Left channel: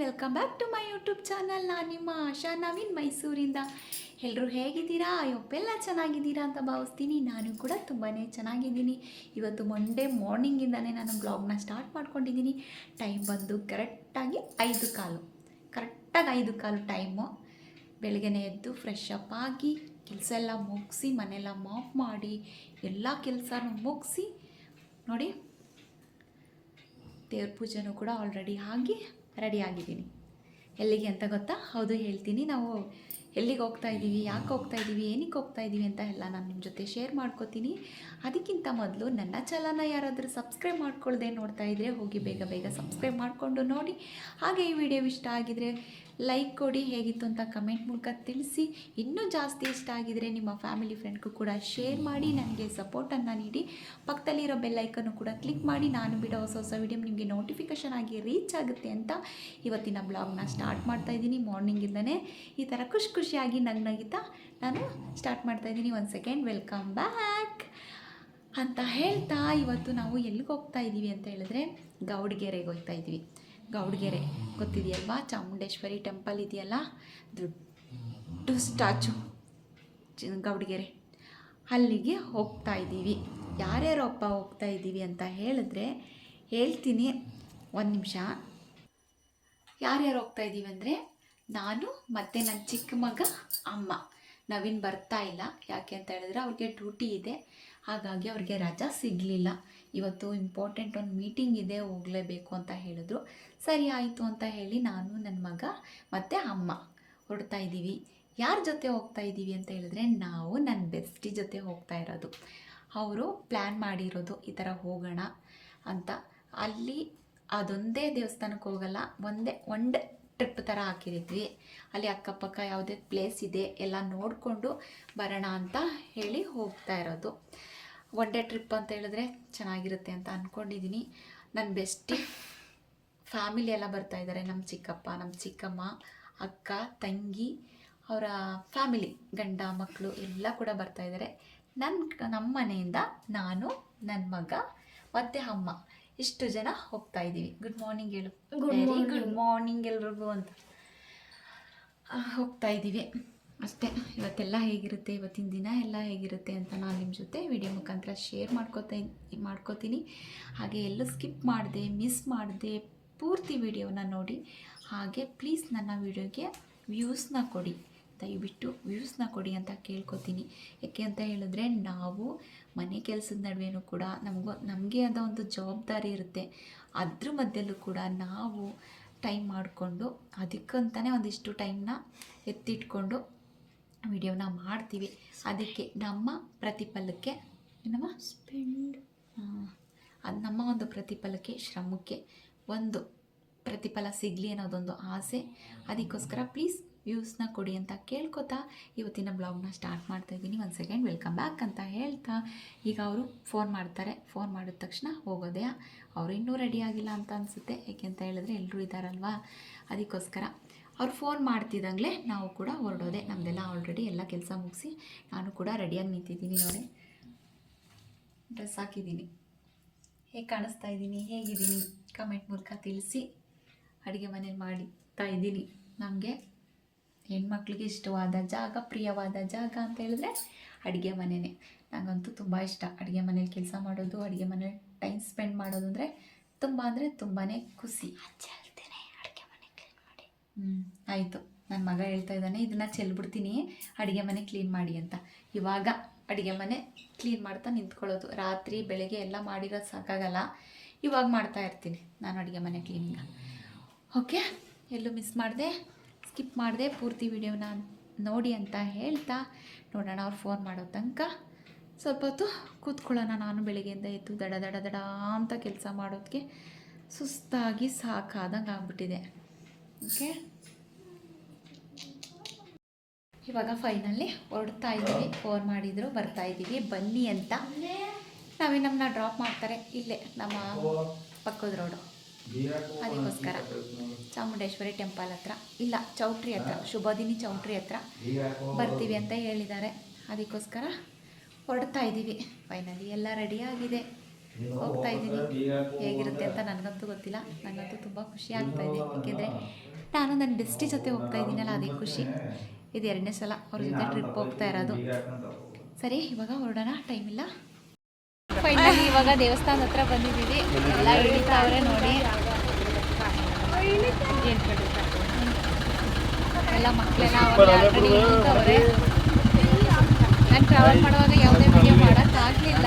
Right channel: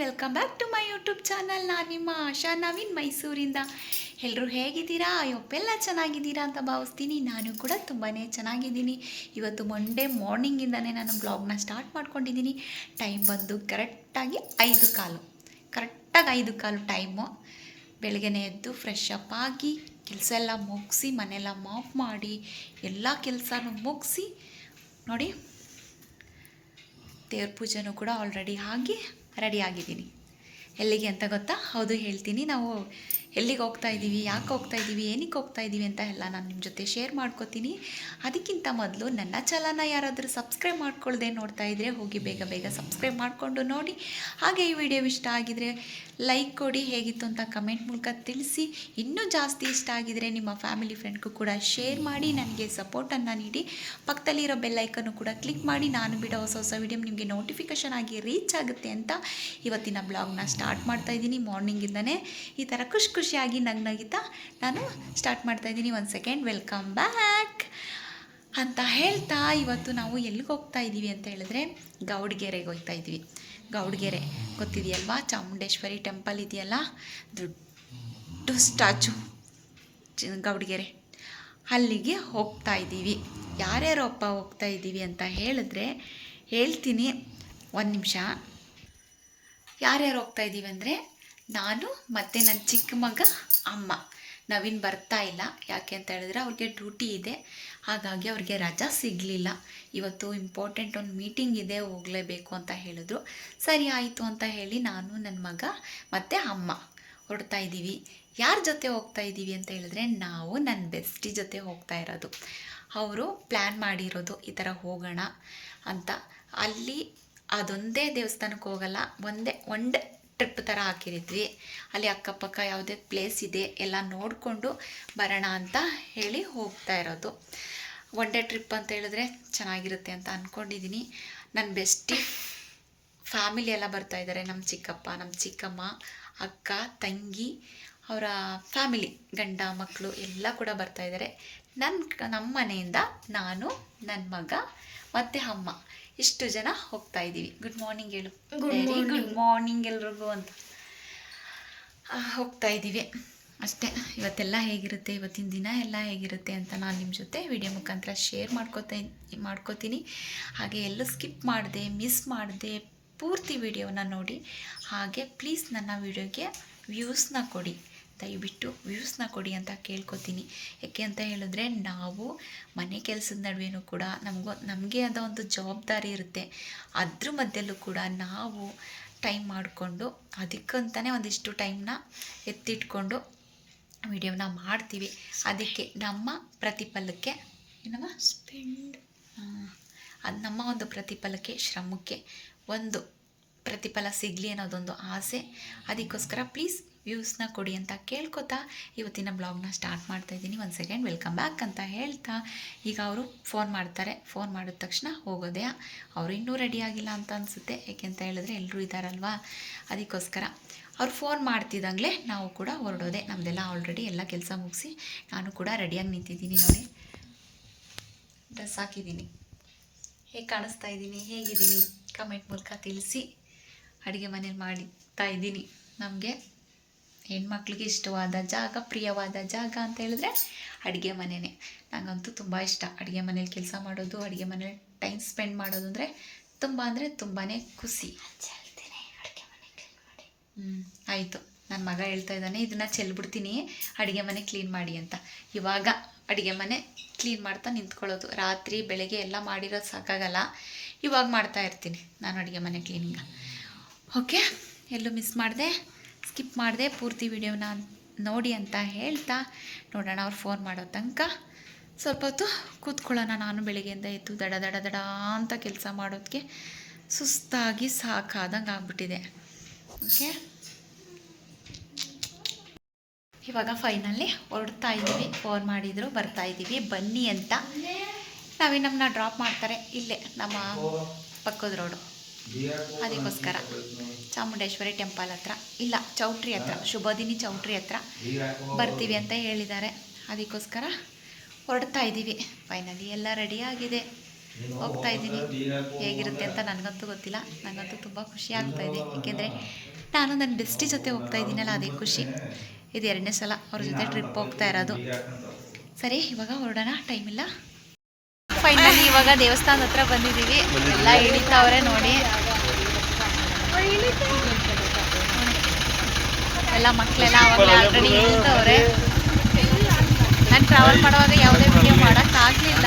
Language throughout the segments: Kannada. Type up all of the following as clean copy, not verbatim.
Welcome back to my YouTube channel. ನಾನು ನಿಮ್ಮ ಆಶಾ ನವೀನ್ ಮೈಸೂರಿಂದ. ಎಲ್ಲರೂ ಹೇಗಿದ್ದೀರಾ? ಎಲ್ಲ ಚೆನ್ನಾಗಿದ್ದೀರಾ ಅಂತ ಭಾವಿಸ್ತೀನಿ. ನಾನು ಕೂಡ ತುಂಬಾ ಚೆನ್ನಾಗಿದ್ದೀನಿ. ಇವತ್ತು ಮಂಡೇ ಮಾರ್ನಿಂಗಿಂದನೇ ನಾನು ಬ್ಲಾಗ್ನ ಸ್ಟಾರ್ಟ್ ಮಾಡ್ಕೊಂಡಿದ್ದೀನಿ. ಟೈಮ್ ಬಂದು ಕರೆಕ್ಟಾಗಿ 5:15 ಕರೆಕ್ಟಾಗಿ 5:15 ಟೈಮು. ಬೆಳಗ್ಗೆನೇ ಎದ್ದು ಫ್ರೆಶ್ ಅಪ್ ಆಗಿ ಕೆಲಸ ಎಲ್ಲ ಮುಗಿಸಿ ಮನೆಯೆಲ್ಲ ಮಾಪ್ ಮಾಡಿ ಎಲ್ಲ ಕೆಲಸನೂ ಮುಗಿಸಿ ನೋಡಿ, ದೇವ್ರ ಪೂಜೆನೂ ಕೂಡ ಆಲ್ರೆಡಿ ಆಗಿ ರೆಡಿ ಆಗಿದ್ದೀನಿ. ಎಲ್ಲಿಗೆ ಅಂತ ಗೊತ್ತಾ? ಹೌದು, ಹೇಳ್ತೀನಿ. ನಾವು ಎಲ್ಲಿಗೆ ಹೋಗ್ತಾ ಇದ್ದೀವಿ, ಯಾಕೆ ಹೋಗ್ತಾ ಇದ್ದೀವಿ, ಏನಕ್ಕೆ ಹೋಗ್ತಾ ಇದ್ದೀವಿ ಅಂತ ಎಲ್ಲ ನಾನು ನಿಮ್ಮ ಜೊತೆ ಶೇರ್ ಮಾಡ್ಕೋತೀನಿ. ಅದಕ್ಕಿಂತ ಮೊದಲು ನನ್ನ ಚಾನಲ್ನ ಯಾರಾದರೂ ಸಬ್ಸ್ಕ್ರೈಬ್ ಮಾಡ್ಕೊಳ್ಳದೆ ನೋಡ್ತಾ ಇದ್ದರೆ ಹೋಗಿ ಬೇಗ ಬೇಗ ಸಬ್ಸ್ಕ್ರೈಬ್ ಮಾಡಿಕೊಂಡು ನೋಡಿ. ಹಾಗೆ ಈ ವಿಡಿಯೋ ಇಷ್ಟ ಆಗಿದರೆ ಲೈಕ್ ಕೊಡಿ, ಹೇಗಿತ್ತು ಅಂತ ಕಮೆಂಟ್ ಮೂಲಕ ತಿಳಿಸಿ. ಇನ್ನೂ ಜಾಸ್ತಿ ಇಷ್ಟ ಆಗಿದರೆ ನಿಮ್ಮ ಫ್ಯಾಮಿಲಿ ಫ್ರೆಂಡ್ಗೂ ಕೂಡ ಶೇರ್ ಮಾಡಿ, ನನಗೆ ಸಪೋರ್ಟನ್ನು ನೀಡಿ. ಪಕ್ಕದಲ್ಲಿರೋ ಬೆಲ್ಲೈಕನ್ನು ಕೂಡ ಕ್ಲಿಕ್ ಮಾಡಿ, ನಾನು ಬಿಡೋ ಹೊಸ ಹೊಸ ವಿಡಿಯೋ ನಿಮಗೆ ನೋಟಿಫಿಕೇಷನ್ ಆಗಿ ರೀಚ್ ಆಗುತ್ತೆ ಅಂತ ಇವತ್ತಿನ ಬ್ಲಾಗ್ನ ಸ್ಟಾರ್ಟ್ ಮಾಡ್ತಾಯಿದ್ದೀನಿ. ಮಾರ್ನಿಂಗಿಂದನೇ ಈ ಥರ ಖುಷಿಯಾಗಿ ನಗಿತಾ ನಾನು ಸ್ಟಾರ್ಟ್ ಮಾಡ್ತಾಯಿದ್ದೀನಿ. 1 ಸೆಕೆಂಡ್. ವೆಲ್ಕಮ್ ಬ್ಯಾಕ್ ಅಂತ ಹೇಳ್ತಾ ಇವತ್ತು ನಾವು ಎಲ್ಲಿಗೆ ಹೋಗ್ತಾ ಇದ್ದೀವಿ ಅಂತ ಹೇಳಿದ್ರೆ ಗೌಡಗೆರೆಗೆ ಹೋಗ್ತಾ ಇದ್ವಿ. ಗೌಡಗೆರೆ ಗೊತ್ತಿದೆಯಲ್ವಾ? ಚಾಮುಂಡೇಶ್ವರಿ ಟೆಂಪಲ್ ಇದೆಯಲ್ಲ, ದೊಡ್ಡ ಸ್ಟ್ಯಾಚು ಗೌಡಗೆರೆ, ಅಲ್ಲಿಗೆ ಹೋಗ್ತಾ ಇದ್ದೀವಿ. ಯಾರ್ಯಾರಪ್ಪ ಹೋಗ್ತಾ ಇದ್ದೀವಿ ಅಂತ ಹೇಳಿದ್ರೆ ಹೇಳ್ತೀನಿ, ಒಂದು ನಿಮಿಷ. ಯಾರ್ಯಾರು ಹೋಗ್ತಾ ಇದ್ದೀವಿ ಅಂದರೆ ನಾನು ಮತ್ತು ನನ್ನ ಚಿಕ್ಕ ಮಗ, ಅಮ್ಮ. ನವೀನ್ ಬರ್ತಾ ಇಲ್ಲ. ಯಾಕೆ ಅಂತ ಹೇಳಿದ್ರೆ ಅವ್ರಿಗೆ ಡ್ಯೂಟಿ ಇದೆ, ಹಾಗಾಗಿ ಅವ್ರಿಗೆ ರಜಾ ಸಿಗಲಿಲ್ಲ. ಇವತ್ತು ಇಂಪಾರ್ಟೆಂಟ್ ಒಂದು ಮೀಟಿಂಗ್ ಇದೆ, ಹೋಗಲೇಬೇಕು ಅಂತ ಹೇಳಿದ್ರು. ಸರಿ ಆಯಿತು ಅಂತ ಹೇಳಿ ನಾನು, ನನ್ನ ಮಗ ಮತ್ತು ಅಮ್ಮ ಹೊರಡ್ತಾ ಇದ್ದೀವಿ. ಯಾರ ಜೊತೆ ಹೋಗ್ತಾ ಇದ್ದೀವಿ ಅಂತ ಹೇಳಿದ್ರೆ ನಾವು ನನ್ನ ಬೆಸ್ಟಿ ಜೊತೆ ಹೋಗ್ತಾ ಇರೋದು. ಅವರು ಪ್ಲ್ಯಾನ್ ಮಾಡಿರೋದು ಈ ಥರ ಹೋಗೋಣ ಅಂತ. ಅಲ್ಲಿ ಅದೊಂದೇ ದೇವಸ್ಥಾನಕ್ಕೆ ಹೋಗಲ್ಲ, ಒನ್ ಡೇ ಟ್ರಿಪ್ ಥರ ಹಾಕಿರಿದ್ವಿ. ಅಲ್ಲಿ ಅಕ್ಕಪಕ್ಕ ಯಾವುದೇ ಪ್ಲೇಸ್ ಇದೆ ಎಲ್ಲ ನೋಡಿಕೊಂಡು ಬರೋಣ ಅಂತ ಹೇಳಿ ಹೋಗ್ತಾ ಇರೋದು. ಒನ್ ಡೇ ಟ್ರಿಪ್ ಅಂತ ಹೇಳಿದ್ರೆ ಚೆನ್ನಾಗಿರುತ್ತೆ ಅಂತ ಅಂದ್ಕೊಂಡಿದ್ದೀನಿ. ನನ್ನ ಬೆಸ್ಟಿ ಫ್ಯಾಮಿಲಿ ಎಲ್ಲ ಬರ್ತಾ ಇದ್ದಾರೆ. ನಮ್ಮ ಚಿಕ್ಕಪ್ಪ, ನಮ್ಮ ಚಿಕ್ಕಮ್ಮ, ಅಕ್ಕ, ತಂಗಿ, ಅವರ ಫ್ಯಾಮಿಲಿ, ಗಂಡ ಮಕ್ಕಳು ಎಲ್ಲ ಕೂಡ ಬರ್ತಾ ಇದ್ದಾರೆ. ನಮ್ಮ ಮನೆಯಿಂದ ನಾನು, ನನ್ನ ಮಗ ಮತ್ತು ಅಮ್ಮ ಇಷ್ಟು ಜನ ಹೋಗ್ತಾ ಇದ್ದೀವಿ. ಗುಡ್ ಮಾರ್ನಿಂಗ್ ಹೇಳು. ಗುಡ್ ಮಾರ್ನಿಂಗ್ ಎಲ್ರಿಗೂ ಅಂತ ಹೋಗ್ತಾ ಇದ್ದೀವಿ ಅಷ್ಟೇ. ಇವತ್ತೆಲ್ಲ ಹೇಗಿರುತ್ತೆ, ಇವತ್ತಿನ ದಿನ ಎಲ್ಲ ಹೇಗಿರುತ್ತೆ ಅಂತ ನಾನು ನಿಮ್ಮ ಜೊತೆ ವಿಡಿಯೋ ಮುಖಾಂತರ ಶೇರ್ ಮಾಡ್ಕೋತೀನಿ. ಹಾಗೆ ಎಲ್ಲೂ ಸ್ಕಿಪ್ ಮಾಡಿದೆ, ಮಿಸ್ ಮಾಡಿದೆ, ಪೂರ್ತಿ ವಿಡಿಯೋನ ನೋಡಿ. ಹಾಗೆ ಪ್ಲೀಸ್ ನನ್ನ ವಿಡಿಯೋಗೆ ವ್ಯೂಸ್ನ ಕೊಡಿ, ದಯವಿಟ್ಟು ವ್ಯೂಸ್ನ ಕೊಡಿ ಅಂತ ಕೇಳ್ಕೊತೀನಿ. ಯಾಕೆ ಅಂತ ಹೇಳಿದ್ರೆ ನಾವು ಮನೆ ಕೆಲಸದ ನಡುವೆನೂ ಕೂಡ ನಮಗೆ ಆದ ಒಂದು ಜವಾಬ್ದಾರಿ ಇರುತ್ತೆ. ಅದ್ರ ಮಧ್ಯಲ್ಲೂ ಕೂಡ ನಾವು ಟೈಮ್ ಮಾಡಿಕೊಂಡು ಅದಕ್ಕಂತಲೇ ಒಂದಿಷ್ಟು ಟೈಮ್ನ ಎತ್ತಿಟ್ಕೊಂಡು ವಿಡಿಯೋನ ಮಾಡ್ತೀವಿ. ಅದಕ್ಕೆ ನಮ್ಮ ಪ್ರತಿಫಲಕ್ಕೆ ಅದು ನಮ್ಮ ಒಂದು ಪ್ರತಿಫಲಕ್ಕೆ, ಶ್ರಮಕ್ಕೆ ಒಂದು ಪ್ರತಿಫಲ ಸಿಗಲಿ ಅನ್ನೋದೊಂದು ಆಸೆ. ಅದಕ್ಕೋಸ್ಕರ ಪ್ಲೀಸ್ ವ್ಯೂಸ್ನ ಕೊಡಿ ಅಂತ ಕೇಳ್ಕೊತಾ ಇವತ್ತಿನ ಬ್ಲಾಗ್ನ ಸ್ಟಾರ್ಟ್ ಮಾಡ್ತಾಯಿದ್ದೀನಿ. 1 ಸೆಕೆಂಡ್. ವೆಲ್ಕಮ್ ಬ್ಯಾಕ್ ಅಂತ ಹೇಳ್ತಾ ಈಗ ಅವರು ಫೋನ್ ಮಾಡ್ತಾರೆ. ಫೋನ್ ಮಾಡಿದ ತಕ್ಷಣ ಹೋಗೋದೆ. ಅವರು ಇನ್ನೂ ರೆಡಿ ಆಗಿಲ್ಲ ಅಂತ ಅನಿಸುತ್ತೆ. ಯಾಕೆ ಅಂತ ಹೇಳಿದ್ರೆ ಎಲ್ಲರೂ ಇದ್ದಾರಲ್ವಾ, ಅದಕ್ಕೋಸ್ಕರ ಅವ್ರು ಫೋನ್ ಮಾಡ್ತಿದ್ದಂಗೆ ನಾವು ಕೂಡ ಹೊರಡೋದೆ. ನಮ್ಮದೆಲ್ಲ ಆಲ್ರೆಡಿ ಎಲ್ಲ ಕೆಲಸ ಮುಗಿಸಿ ನಾನು ಕೂಡ ರೆಡಿಯಾಗಿ ನಿಂತಿದ್ದೀನಿ. ನೋಡಿ, ಡ್ರೆಸ್ ಹಾಕಿದ್ದೀನಿ. ಹೇಗೆ ಕಾಣಿಸ್ತಾ ಇದ್ದೀನಿ, ಹೇಗಿದ್ದೀನಿ ಕಮೆಂಟ್ ಮೂಲಕ ತಿಳಿಸಿ. ಅಡುಗೆ ಮನೇಲಿ ಮಾಡ್ತಾ ಇದ್ದೀನಿ. ನಮಗೆ ಹೆಣ್ಮಕ್ಳಿಗೆ ಇಷ್ಟವಾದ ಜಾಗ, ಪ್ರಿಯವಾದ ಜಾಗ ಅಂತ ಹೇಳಿದ್ರೆ ಅಡುಗೆ ಮನೆಯೇ. ನನಗಂತೂ ತುಂಬ ಇಷ್ಟ ಅಡುಗೆ ಮನೇಲಿ ಕೆಲಸ ಮಾಡೋದು, ಅಡುಗೆ ಮನೇಲಿ ಟೈಮ್ ಸ್ಪೆಂಡ್ ಮಾಡೋದು ಅಂದರೆ ತುಂಬಾ ಖುಷಿ. ಆಯಿತು, ನನ್ನ ಮಗ ಹೇಳ್ತಾ ಇದ್ದಾನೆ ಇದನ್ನು ಚೆಲ್ಬಿಡ್ತೀನಿ, ಅಡುಗೆ ಮನೆ ಕ್ಲೀನ್ ಮಾಡಿ ಅಂತ. ಇವಾಗ ಅಡುಗೆ ಮನೆ ಕ್ಲೀನ್ ಮಾಡ್ತಾ ನಿಂತ್ಕೊಳ್ಳೋದು. ರಾತ್ರಿ ಬೆಳಗ್ಗೆ ಎಲ್ಲ ಮಾಡಿರೋದು ಸಾಕಾಗಲ್ಲ, ಇವಾಗ ಮಾಡ್ತಾ ಇರ್ತೀನಿ ನಾನು ಅಡುಗೆ ಮನೆ ಕ್ಲೀನಿಂಗ. ಓಕೆ, ಎಲ್ಲೂ ಮಿಸ್ ಮಾಡಿದೆ, ಸ್ಕಿಪ್ ಮಾಡಿದೆ, ಪೂರ್ತಿ ವಿಡಿಯೋನ ನೋಡಿ ಅಂತ ಹೇಳ್ತಾ ನೋಡೋಣ. ಅವ್ರು ಫೋನ್ ಮಾಡೋ ತನಕ ಸ್ವಲ್ಪ ಹೊತ್ತು ಕೂತ್ಕೊಳ್ಳೋಣ. ನಾನು ಬೆಳಗ್ಗೆಯಿಂದ ಎದ್ದು ದಡ ಅಂತ ಕೆಲಸ ಮಾಡೋದಕ್ಕೆ ಸುಸ್ತಾಗಿ ಸಾಕಾದಂಗೆ ಆಗ್ಬಿಟ್ಟಿದೆ. ಓಕೆ, ಇವಾಗ ಫೈನಲಿ ಹೊರಡ್ತಾ ಇದ್ದೀವಿ. ಫೋನ್ ಮಾಡಿದರು, ಬರ್ತಾ ಇದ್ದೀವಿ ಬನ್ನಿ ಅಂತ. ನಮ್ಮನ್ನ ಡ್ರಾಪ್ ಮಾಡ್ತಾರೆ ಇಲ್ಲೇ ನಮ್ಮ ಪಕ್ಕದ ರೋಡು. ಅದಕ್ಕೋಸ್ಕರ ಚಾಮುಂಡೇಶ್ವರಿ ಟೆಂಪಲ್ ಹತ್ರ, ಇಲ್ಲ ಚೌಟ್ರಿ ಹತ್ರ, ಶುಭದಿನಿ ಚೌಟ್ರಿ ಹತ್ರ ಬರ್ತೀವಿ ಅಂತ ಹೇಳಿದ್ದಾರೆ. ಅದಕ್ಕೋಸ್ಕರ ಹೊರಡ್ತಾ ಇದ್ದೀವಿ. ಫೈನಲಿ ಎಲ್ಲ ರೆಡಿಯಾಗಿದೆ, ಹೋಗ್ತಾ ಇದ್ದೀನಿ. ಹೇಗಿರುತ್ತೆ ಅಂತ ನನಗಂತೂ ಗೊತ್ತಿಲ್ಲ. ನನಗಂತೂ ತುಂಬ ಖುಷಿ ಆಗ್ತಾಯಿದೆ, ಏಕೆಂದರೆ ನಾನು ನನ್ನ ಬೆಸ್ಟಿ ಜೊತೆ ಹೋಗ್ತಾ ಇದ್ದೀನಲ್ಲ, ಅದೇ ಖುಷಿ. ಇದು 2ನೇ ಸಲ ಅವ್ರ ಜೊತೆ ಟ್ರಿಪ್ ಹೋಗ್ತಾ ಇರೋದು. ಸರಿ, ಇವಾಗ ಹೊರಡೋಣ, ಟೈಮ್ ಇಲ್ಲ. ಫೈನಲಿ ಇವಾಗ ದೇವಸ್ಥಾನದ ಹತ್ರ ಬಂದಿದ್ದೀವಿ. ಎಲ್ಲ ಇಳಿತಾವ್ರೆ ನೋಡಿ, ಎಲ್ಲ ಮಕ್ಕಳೆಲ್ಲ ಆವಾಗಲೇ ಆಲ್ರೆಡಿ ಇಳಿತವ್ರೆ. ನಾನು ಟ್ರಾವೆಲ್ ಮಾಡುವಾಗ ಯಾವುದೇ ವಿಡಿಯೋ ಮಾಡೋಕ್ಕಾಗಲಿಲ್ಲ.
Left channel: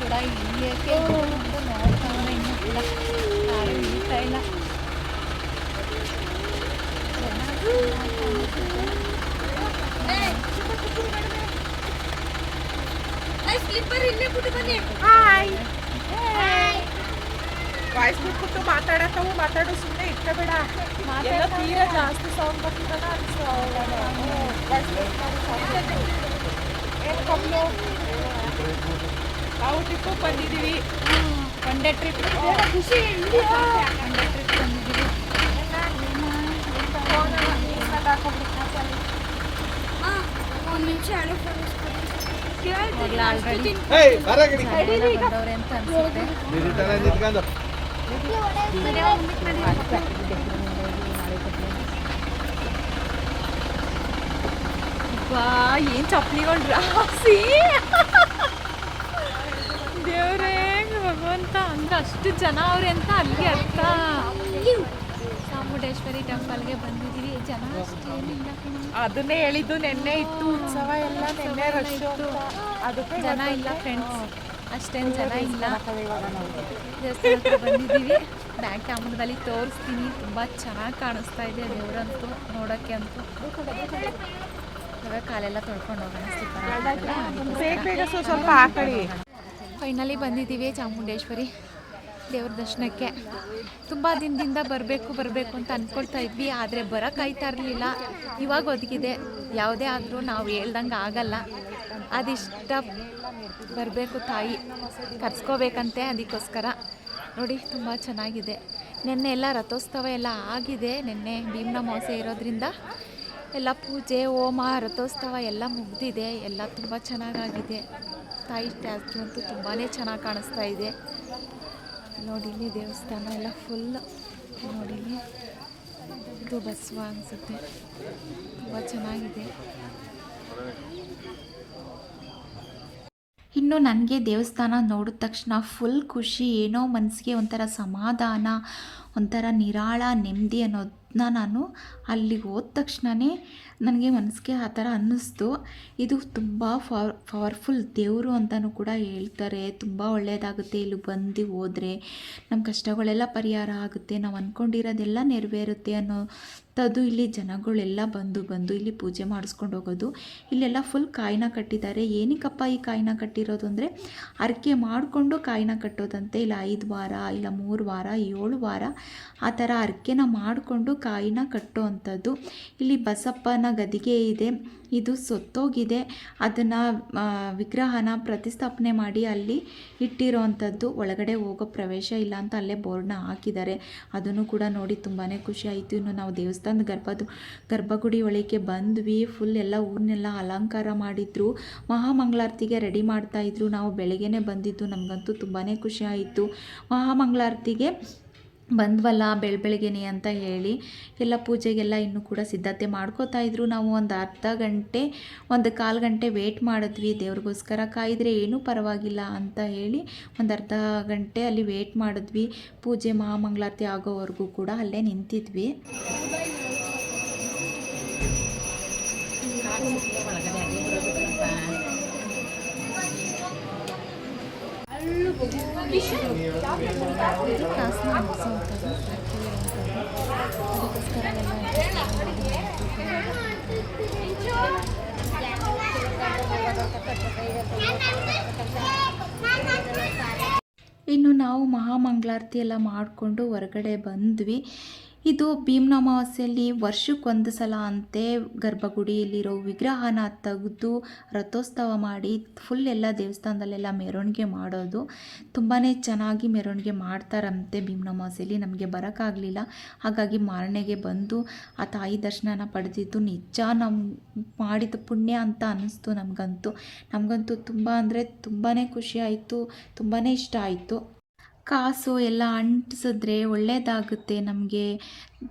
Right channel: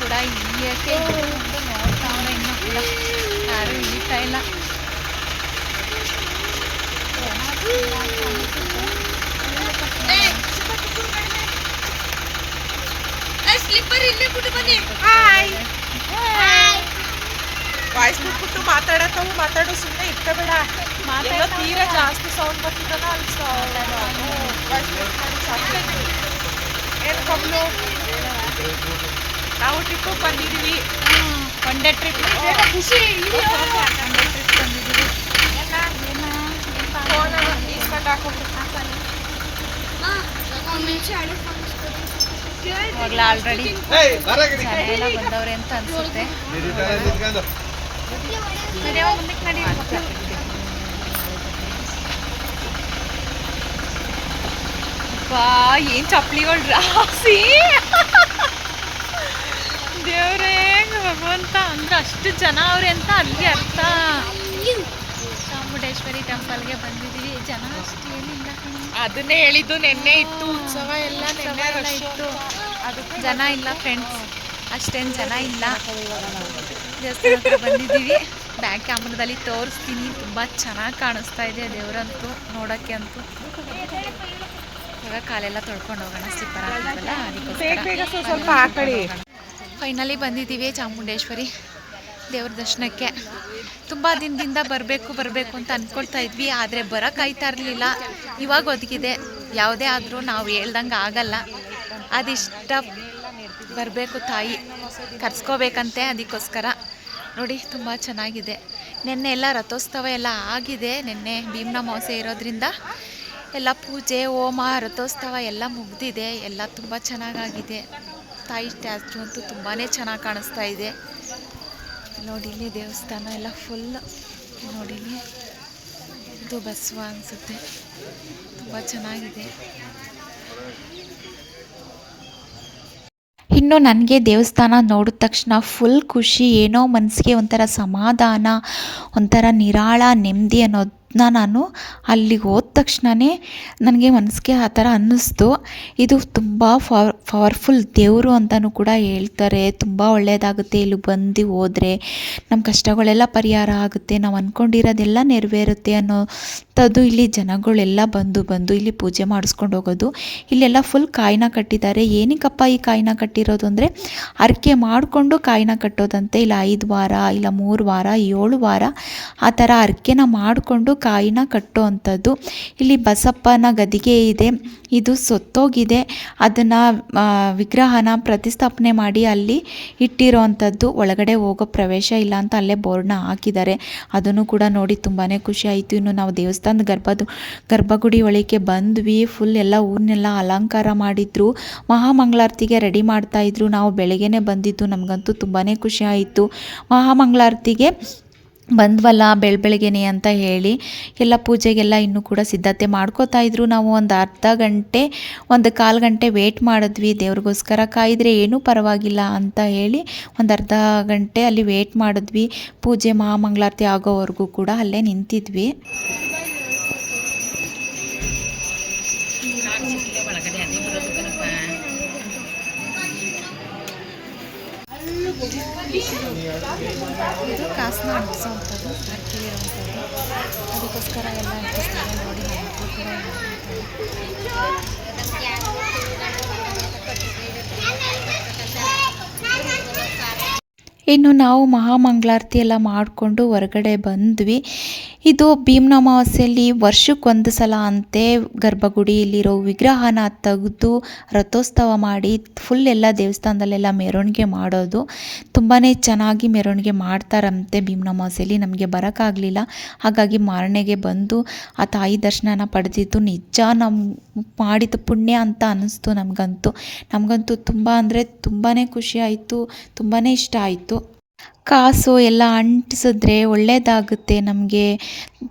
ಕೂಡ ಇಳಿಯೋಕ್ಕೆ ನೋಡ್ತಾವ್ರೆ, ಇನ್ನೂ ಕೂಡ ಯಾರು ಇಳಿತಾ ಇಲ್ಲ. ಸ್ಲಿಪ್ಪರ್ ಇಲ್ಲೇ ಬಿಟ್ಟು ಬನ್ನಿ. ಹಾಯ್ ವಾಯ್ಸ್ ಬಿಟ್ಬಿಟ್ಟು ಮಾತಾಡೋ ಸುಮ್ಮನೆ ಇಟ್ಕೋಬೇಡ. ಎಲ್ಲ ತೀರಾ ಜಾಸ್ತಿ ಸೌಂಡ್ ಬರ್ತಿದ್ದಲ್ಲ, ಅಲ್ಲಿ ಏನು ಕಬ್ಲು. ನಾವು ಟ್ರಿಪ್ಪಿಗೆ ಬಂದಿದ್ದೀವಿ, ಒನ್ ಡೇ ಟ್ರಿಪ್. ಖುಷಿ, ಒನ್ ಡೇ ಟ್ರಿಪ್ ಬಂದಿದ್ದೀವಿ. ಇವಾಗಲೇ ಆಲ್ರೆಡಿ ಜನ ಎಲ್ಲ ಬಂದವ್ರೆ ಅಂತ ಅನ್ಸುತ್ತೆ. ಮುಂದಕ್ಕೆ ನಡಿ. ಬಾ, ಏನು ಚಪ್ಪಲಿಗಳು ರಾಸಿ, ದೇವ್ರೇ ಭಗವಂತ. ಅಂದ್ರೆ ಅಷ್ಟು ಜನ ಅವ್ರೆ ಅಂತ ಅಲ್ಲಿ ಅರ್ಥ. ಚಾಮುಂಡೇಶ್ವರಿ ಟೆಂಪಲ್ಗೆ ಬಂದಿದ್ದೀವಿ. ಜನ ಅಷ್ಟು ಏನಿಲ್ಲ, ಅದನ್ನೇ ಹೇಳಿದ್ದು. ನೆನ್ನೆ ಇತ್ತು ಉತ್ಸವ ಎಲ್ಲ ಇತ್ತು, ಜನ ಇಲ್ಲ ಫ್ರೆಂಡ್ಸ್, ಅಷ್ಟೇನು ಜನ ಇಲ್ಲ. ದೇವಸ್ಥಾನ ಹತ್ರ ಬಂದಿದ್ದೀವಿ. ಬ್ಯಾಕ್ ಕ್ಯಾಮ್ರಾದಲ್ಲಿ ತೋರಿಸ್ತೀನಿ. ತುಂಬ ಚೆನ್ನಾಗಿ ಕಾಣಿಸ್ತಾ ಇದೆ ದೇವರಂತೂ ನೋಡೋಕ್ಕೆ ಅಂತೂ. ಇವಾಗ ಕಾಲೆಲ್ಲ ತೊಳ್ಕೊಂಡು ಹೋಗೋಣ, ಸ್ಲಿಪ್ಪರ್ ಹಾಕಿದ್ವಲ್ಲ ಅದಕ್ಕೋಸ್ಕರ. ಫೈನಲಿ ಬಂದಿದ್ದೀವಿ ಚಾಮುಂಡೇಶ್ವರಿ ದೇವ್ರ ದರ್ಶನಕ್ಕೆ. ತುಂಬ ದಿನದಿಂದ ಬರಬೇಕು ಅಂತ ಅಂದ್ಕೊಳ್ತಾ ಇದ್ವಿ, ಆದರೆ ಬರೋಕ್ಕಾಯ್ತಾ ಇರಲಿಲ್ಲ. ಇವಾಗ ಒದಗಿದೆ. ಯಾವುದೇ ಆದರೂ ನಾವು ಹೇಳ್ದಂಗೆ ಆಗಲ್ಲ. ಅದಿಷ್ಟ ಬರಬೇಕು, ತಾಯಿ ಕರ್ಸ್ಕೋಬೇಕಂತೆ. ಅದಕ್ಕೋಸ್ಕರ ನೋಡಿ, ತುಂಬ ಚೆನ್ನಾಗಿದೆ. ನೆನ್ನೆ ಎಲ್ಲ ರಥೋತ್ಸವ ಎಲ್ಲ ಆಗಿದೆ. ನೆನ್ನೆ ಭೀಮ್ನ ಅಮಾವಾಸ್ಯೆ ಇರೋದ್ರಿಂದ ಎಲ್ಲ ಪೂಜೆ, ಹೋಮ, ರಥೋತ್ಸವ ಎಲ್ಲ ಮುಗ್ದಿದೆ. ಎಲ್ಲ ತುಂಬ ಚೆನ್ನಾಗಾಗಿದೆ. ತಾಯಿ ಸ್ಟ್ಯಾಚು ಅಂತೂ ತುಂಬಾ ಚೆನ್ನಾಗಿ ಕಾಣಿಸ್ತಾ ಇದೆ. ನೋಡಿಲಿ ದೇವಸ್ಥಾನ ಎಲ್ಲ ಫುಲ್. ನೋಡಿಲಿ, ಇದು ಬಸವ ಅನಿಸುತ್ತೆ. ತುಂಬ ಚೆನ್ನಾಗಿದೆ. ಇನ್ನು ನನಗೆ ದೇವಸ್ಥಾನ ನೋಡಿದ ತಕ್ಷಣ ಫುಲ್ ಖುಷಿ, ಏನೋ ಮನಸ್ಸಿಗೆ ಒಂಥರ ಸಮಾಧಾನ, ಒಂಥರ ನಿರಾಳ ನೆಮ್ಮದಿ ಅನ್ನೋದನ್ನ ನಾನು ಅಲ್ಲಿಗೆ ಹೋದ ತಕ್ಷಣವೇ ನನಗೆ ಮನಸ್ಸಿಗೆ ಆ ಥರ ಅನ್ನಿಸ್ತು. ಇದು ತುಂಬ ಪವರ್ಫುಲ್ ದೇವರು ಅಂತಲೂ ಕೂಡ ಹೇಳ್ತಾರೆ. ತುಂಬ ಒಳ್ಳೆಯದಾಗುತ್ತೆ ಇಲ್ಲಿ ಬಂದು ಹೋದರೆ, ನಮ್ಮ ಕಷ್ಟಗಳೆಲ್ಲ ಪರಿಹಾರ ಆಗುತ್ತೆ, ನಾವು ಅಂದ್ಕೊಂಡಿರೋದೆಲ್ಲ ನೆರವೇರುತ್ತೆ ಅನ್ನೋಂಥದ್ದು. ಇಲ್ಲಿ ಜನಗಳೆಲ್ಲ ಬಂದು ಇಲ್ಲಿ ಪೂಜೆ ಮಾಡಿಸ್ಕೊಂಡು ಹೋಗೋದು. ಇಲ್ಲೆಲ್ಲ ಫುಲ್ ಕಾಯಿನ ಕಟ್ಟಿದ್ದಾರೆ. ಏನಕ್ಕಪ್ಪ ಈ ಕಾಯಿನ ಕಟ್ಟಿರೋದು ಅಂದರೆ, ಹರಕೆ ಮಾಡಿಕೊಂಡು ಕಾಯಿನ ಕಟ್ಟೋದಂತೆ. ಇಲ್ಲ 5 ವಾರ, ಇಲ್ಲ 3 ವಾರ, 7 ವಾರ ಆ ಥರ ಹರಕೆನ ಮಾಡಿಕೊಂಡು ಕಾಯಿನ ಕಟ್ಟೋ ಅಂಥದ್ದು. ಇಲ್ಲಿ ಬಸಪ್ಪನ ಗದಿಗೆ ಇದೆ, ಇದು ಸೊತ್ತೋಗಿದೆ. ಅದನ್ನು ವಿಗ್ರಹನ ಪ್ರತಿಷ್ಠಾಪನೆ ಮಾಡಿ ಅಲ್ಲಿ ಇಟ್ಟಿರೋ ಅಂಥದ್ದು. ಒಳಗಡೆ ಹೋಗೋ ಪ್ರವೇಶ ಇಲ್ಲ ಅಂತ ಅಲ್ಲೇ ಬೋರ್ಡ್ನ ಹಾಕಿದ್ದಾರೆ. ಅದನ್ನು ಕೂಡ ನೋಡಿ ತುಂಬಾ ಖುಷಿ ಆಯಿತು. ಇನ್ನು ನಾವು ದೇವಸ್ಥಾನದ ಗರ್ಭಗುಡಿ ಒಳಗೆ ಬಂದ್ವಿ. ಫುಲ್ ಎಲ್ಲ ಊರನ್ನೆಲ್ಲ ಅಲಂಕಾರ ಮಾಡಿದ್ರು, ಮಹಾಮಂಗಳಾರತಿಗೆ ರೆಡಿ ಮಾಡ್ತಾಯಿದ್ರು. ನಾವು ಬೆಳಗ್ಗೆನೇ ಬಂದಿದ್ದು, ನಮಗಂತೂ ತುಂಬಾ ಖುಷಿ ಆಯಿತು. ಮಹಾಮಂಗಳಾರತಿಗೆ ಬಂದ್ವಲ್ಲ ಬೆಳಗ್ಗೆನೆ ಅಂತ ಹೇಳಿ ಎಲ್ಲ ಪೂಜೆಗೆಲ್ಲ ಇನ್ನೂ ಕೂಡ ಸಿದ್ಧತೆ ಮಾಡ್ಕೋತಾಯಿದ್ರು. ನಾವು ಒಂದು ಅರ್ಧ ಗಂಟೆ, ಒಂದು ಕಾಲು ಗಂಟೆ ವೇಟ್ ಮಾಡಿದ್ವಿ. ದೇವ್ರಿಗೋಸ್ಕರ ಕಾಯಿದ್ರೆ ಏನೂ ಪರವಾಗಿಲ್ಲ ಅಂತ ಹೇಳಿ ಒಂದು ಅರ್ಧ ಗಂಟೆ ಅಲ್ಲಿ ವೇಟ್ ಮಾಡಿದ್ವಿ. ಪೂಜೆ ಮಹಾಮಂಗಳಾರತಿ ಆಗೋವರೆಗೂ ಕೂಡ ಅಲ್ಲೇ ನಿಂತಿದ್ವಿ. ಇದು ಕಾಸನ್ನ ಅಂಟಿಸೋವಂಥದ್ದು, ಅಕ್ಕಿ ಇರೋವಂಥದ್ದು. ಅದಕ್ಕೋಸ್ಕರ ಎಲ್ಲ ಅಂಟಿಸ್ತಾರೆ ನೋಡಿ. ನಮಗೂ ಕೂಡ ಇನ್ನು ನಾವು ಮಹಾಮಂಗಳಾರತಿ ಎಲ್ಲ ಮಾಡಿಕೊಂಡು ಹೊರಗಡೆ ಬಂದ್ವಿ. ಇದು ಭೀಮ್ನ ಅಮಾವಾಸ್ಯೆಯಲ್ಲಿ ವರ್ಷಕ್ಕೊಂದು ಸಲ ಅಂತೆ ಗರ್ಭಗುಡಿಯಲ್ಲಿರೋ ವಿಗ್ರಹನ ತೆಗೆದು ರಥೋತ್ಸವ ಮಾಡಿ ಫುಲ್ ಎಲ್ಲ ದೇವಸ್ಥಾನದಲ್ಲೆಲ್ಲ ಮೆರವಣಿಗೆ ಮಾಡೋದು. ತುಂಬಾ ಚೆನ್ನಾಗಿ ಮೆರವಣಿಗೆ ಮಾಡ್ತಾರಂತೆ ಭೀಮ್ನ ಅಮಾವಾಸ್ಯೆಯಲ್ಲಿ. ನಮಗೆ ಬರೋಕ್ಕಾಗಲಿಲ್ಲ, ಹಾಗಾಗಿ ಮಾರನೆಗೆ ಬಂದು ಆ ತಾಯಿ ದರ್ಶನನ ಪಡೆದಿದ್ದು ನಿಜ ನಮ್ಮ ಮಾಡಿದ ಪುಣ್ಯ ಅಂತ ಅನ್ನಿಸ್ತು ನಮಗಂತೂ ತುಂಬ ಅಂದರೆ ತುಂಬಾ ಖುಷಿ ಆಯಿತು, ತುಂಬಾ ಇಷ್ಟ ಆಯಿತು. ಕಾಸು ಎಲ್ಲ ಅಂಟಿಸಿದ್ರೆ ಒಳ್ಳೆಯದಾಗುತ್ತೆ ನಮಗೆ,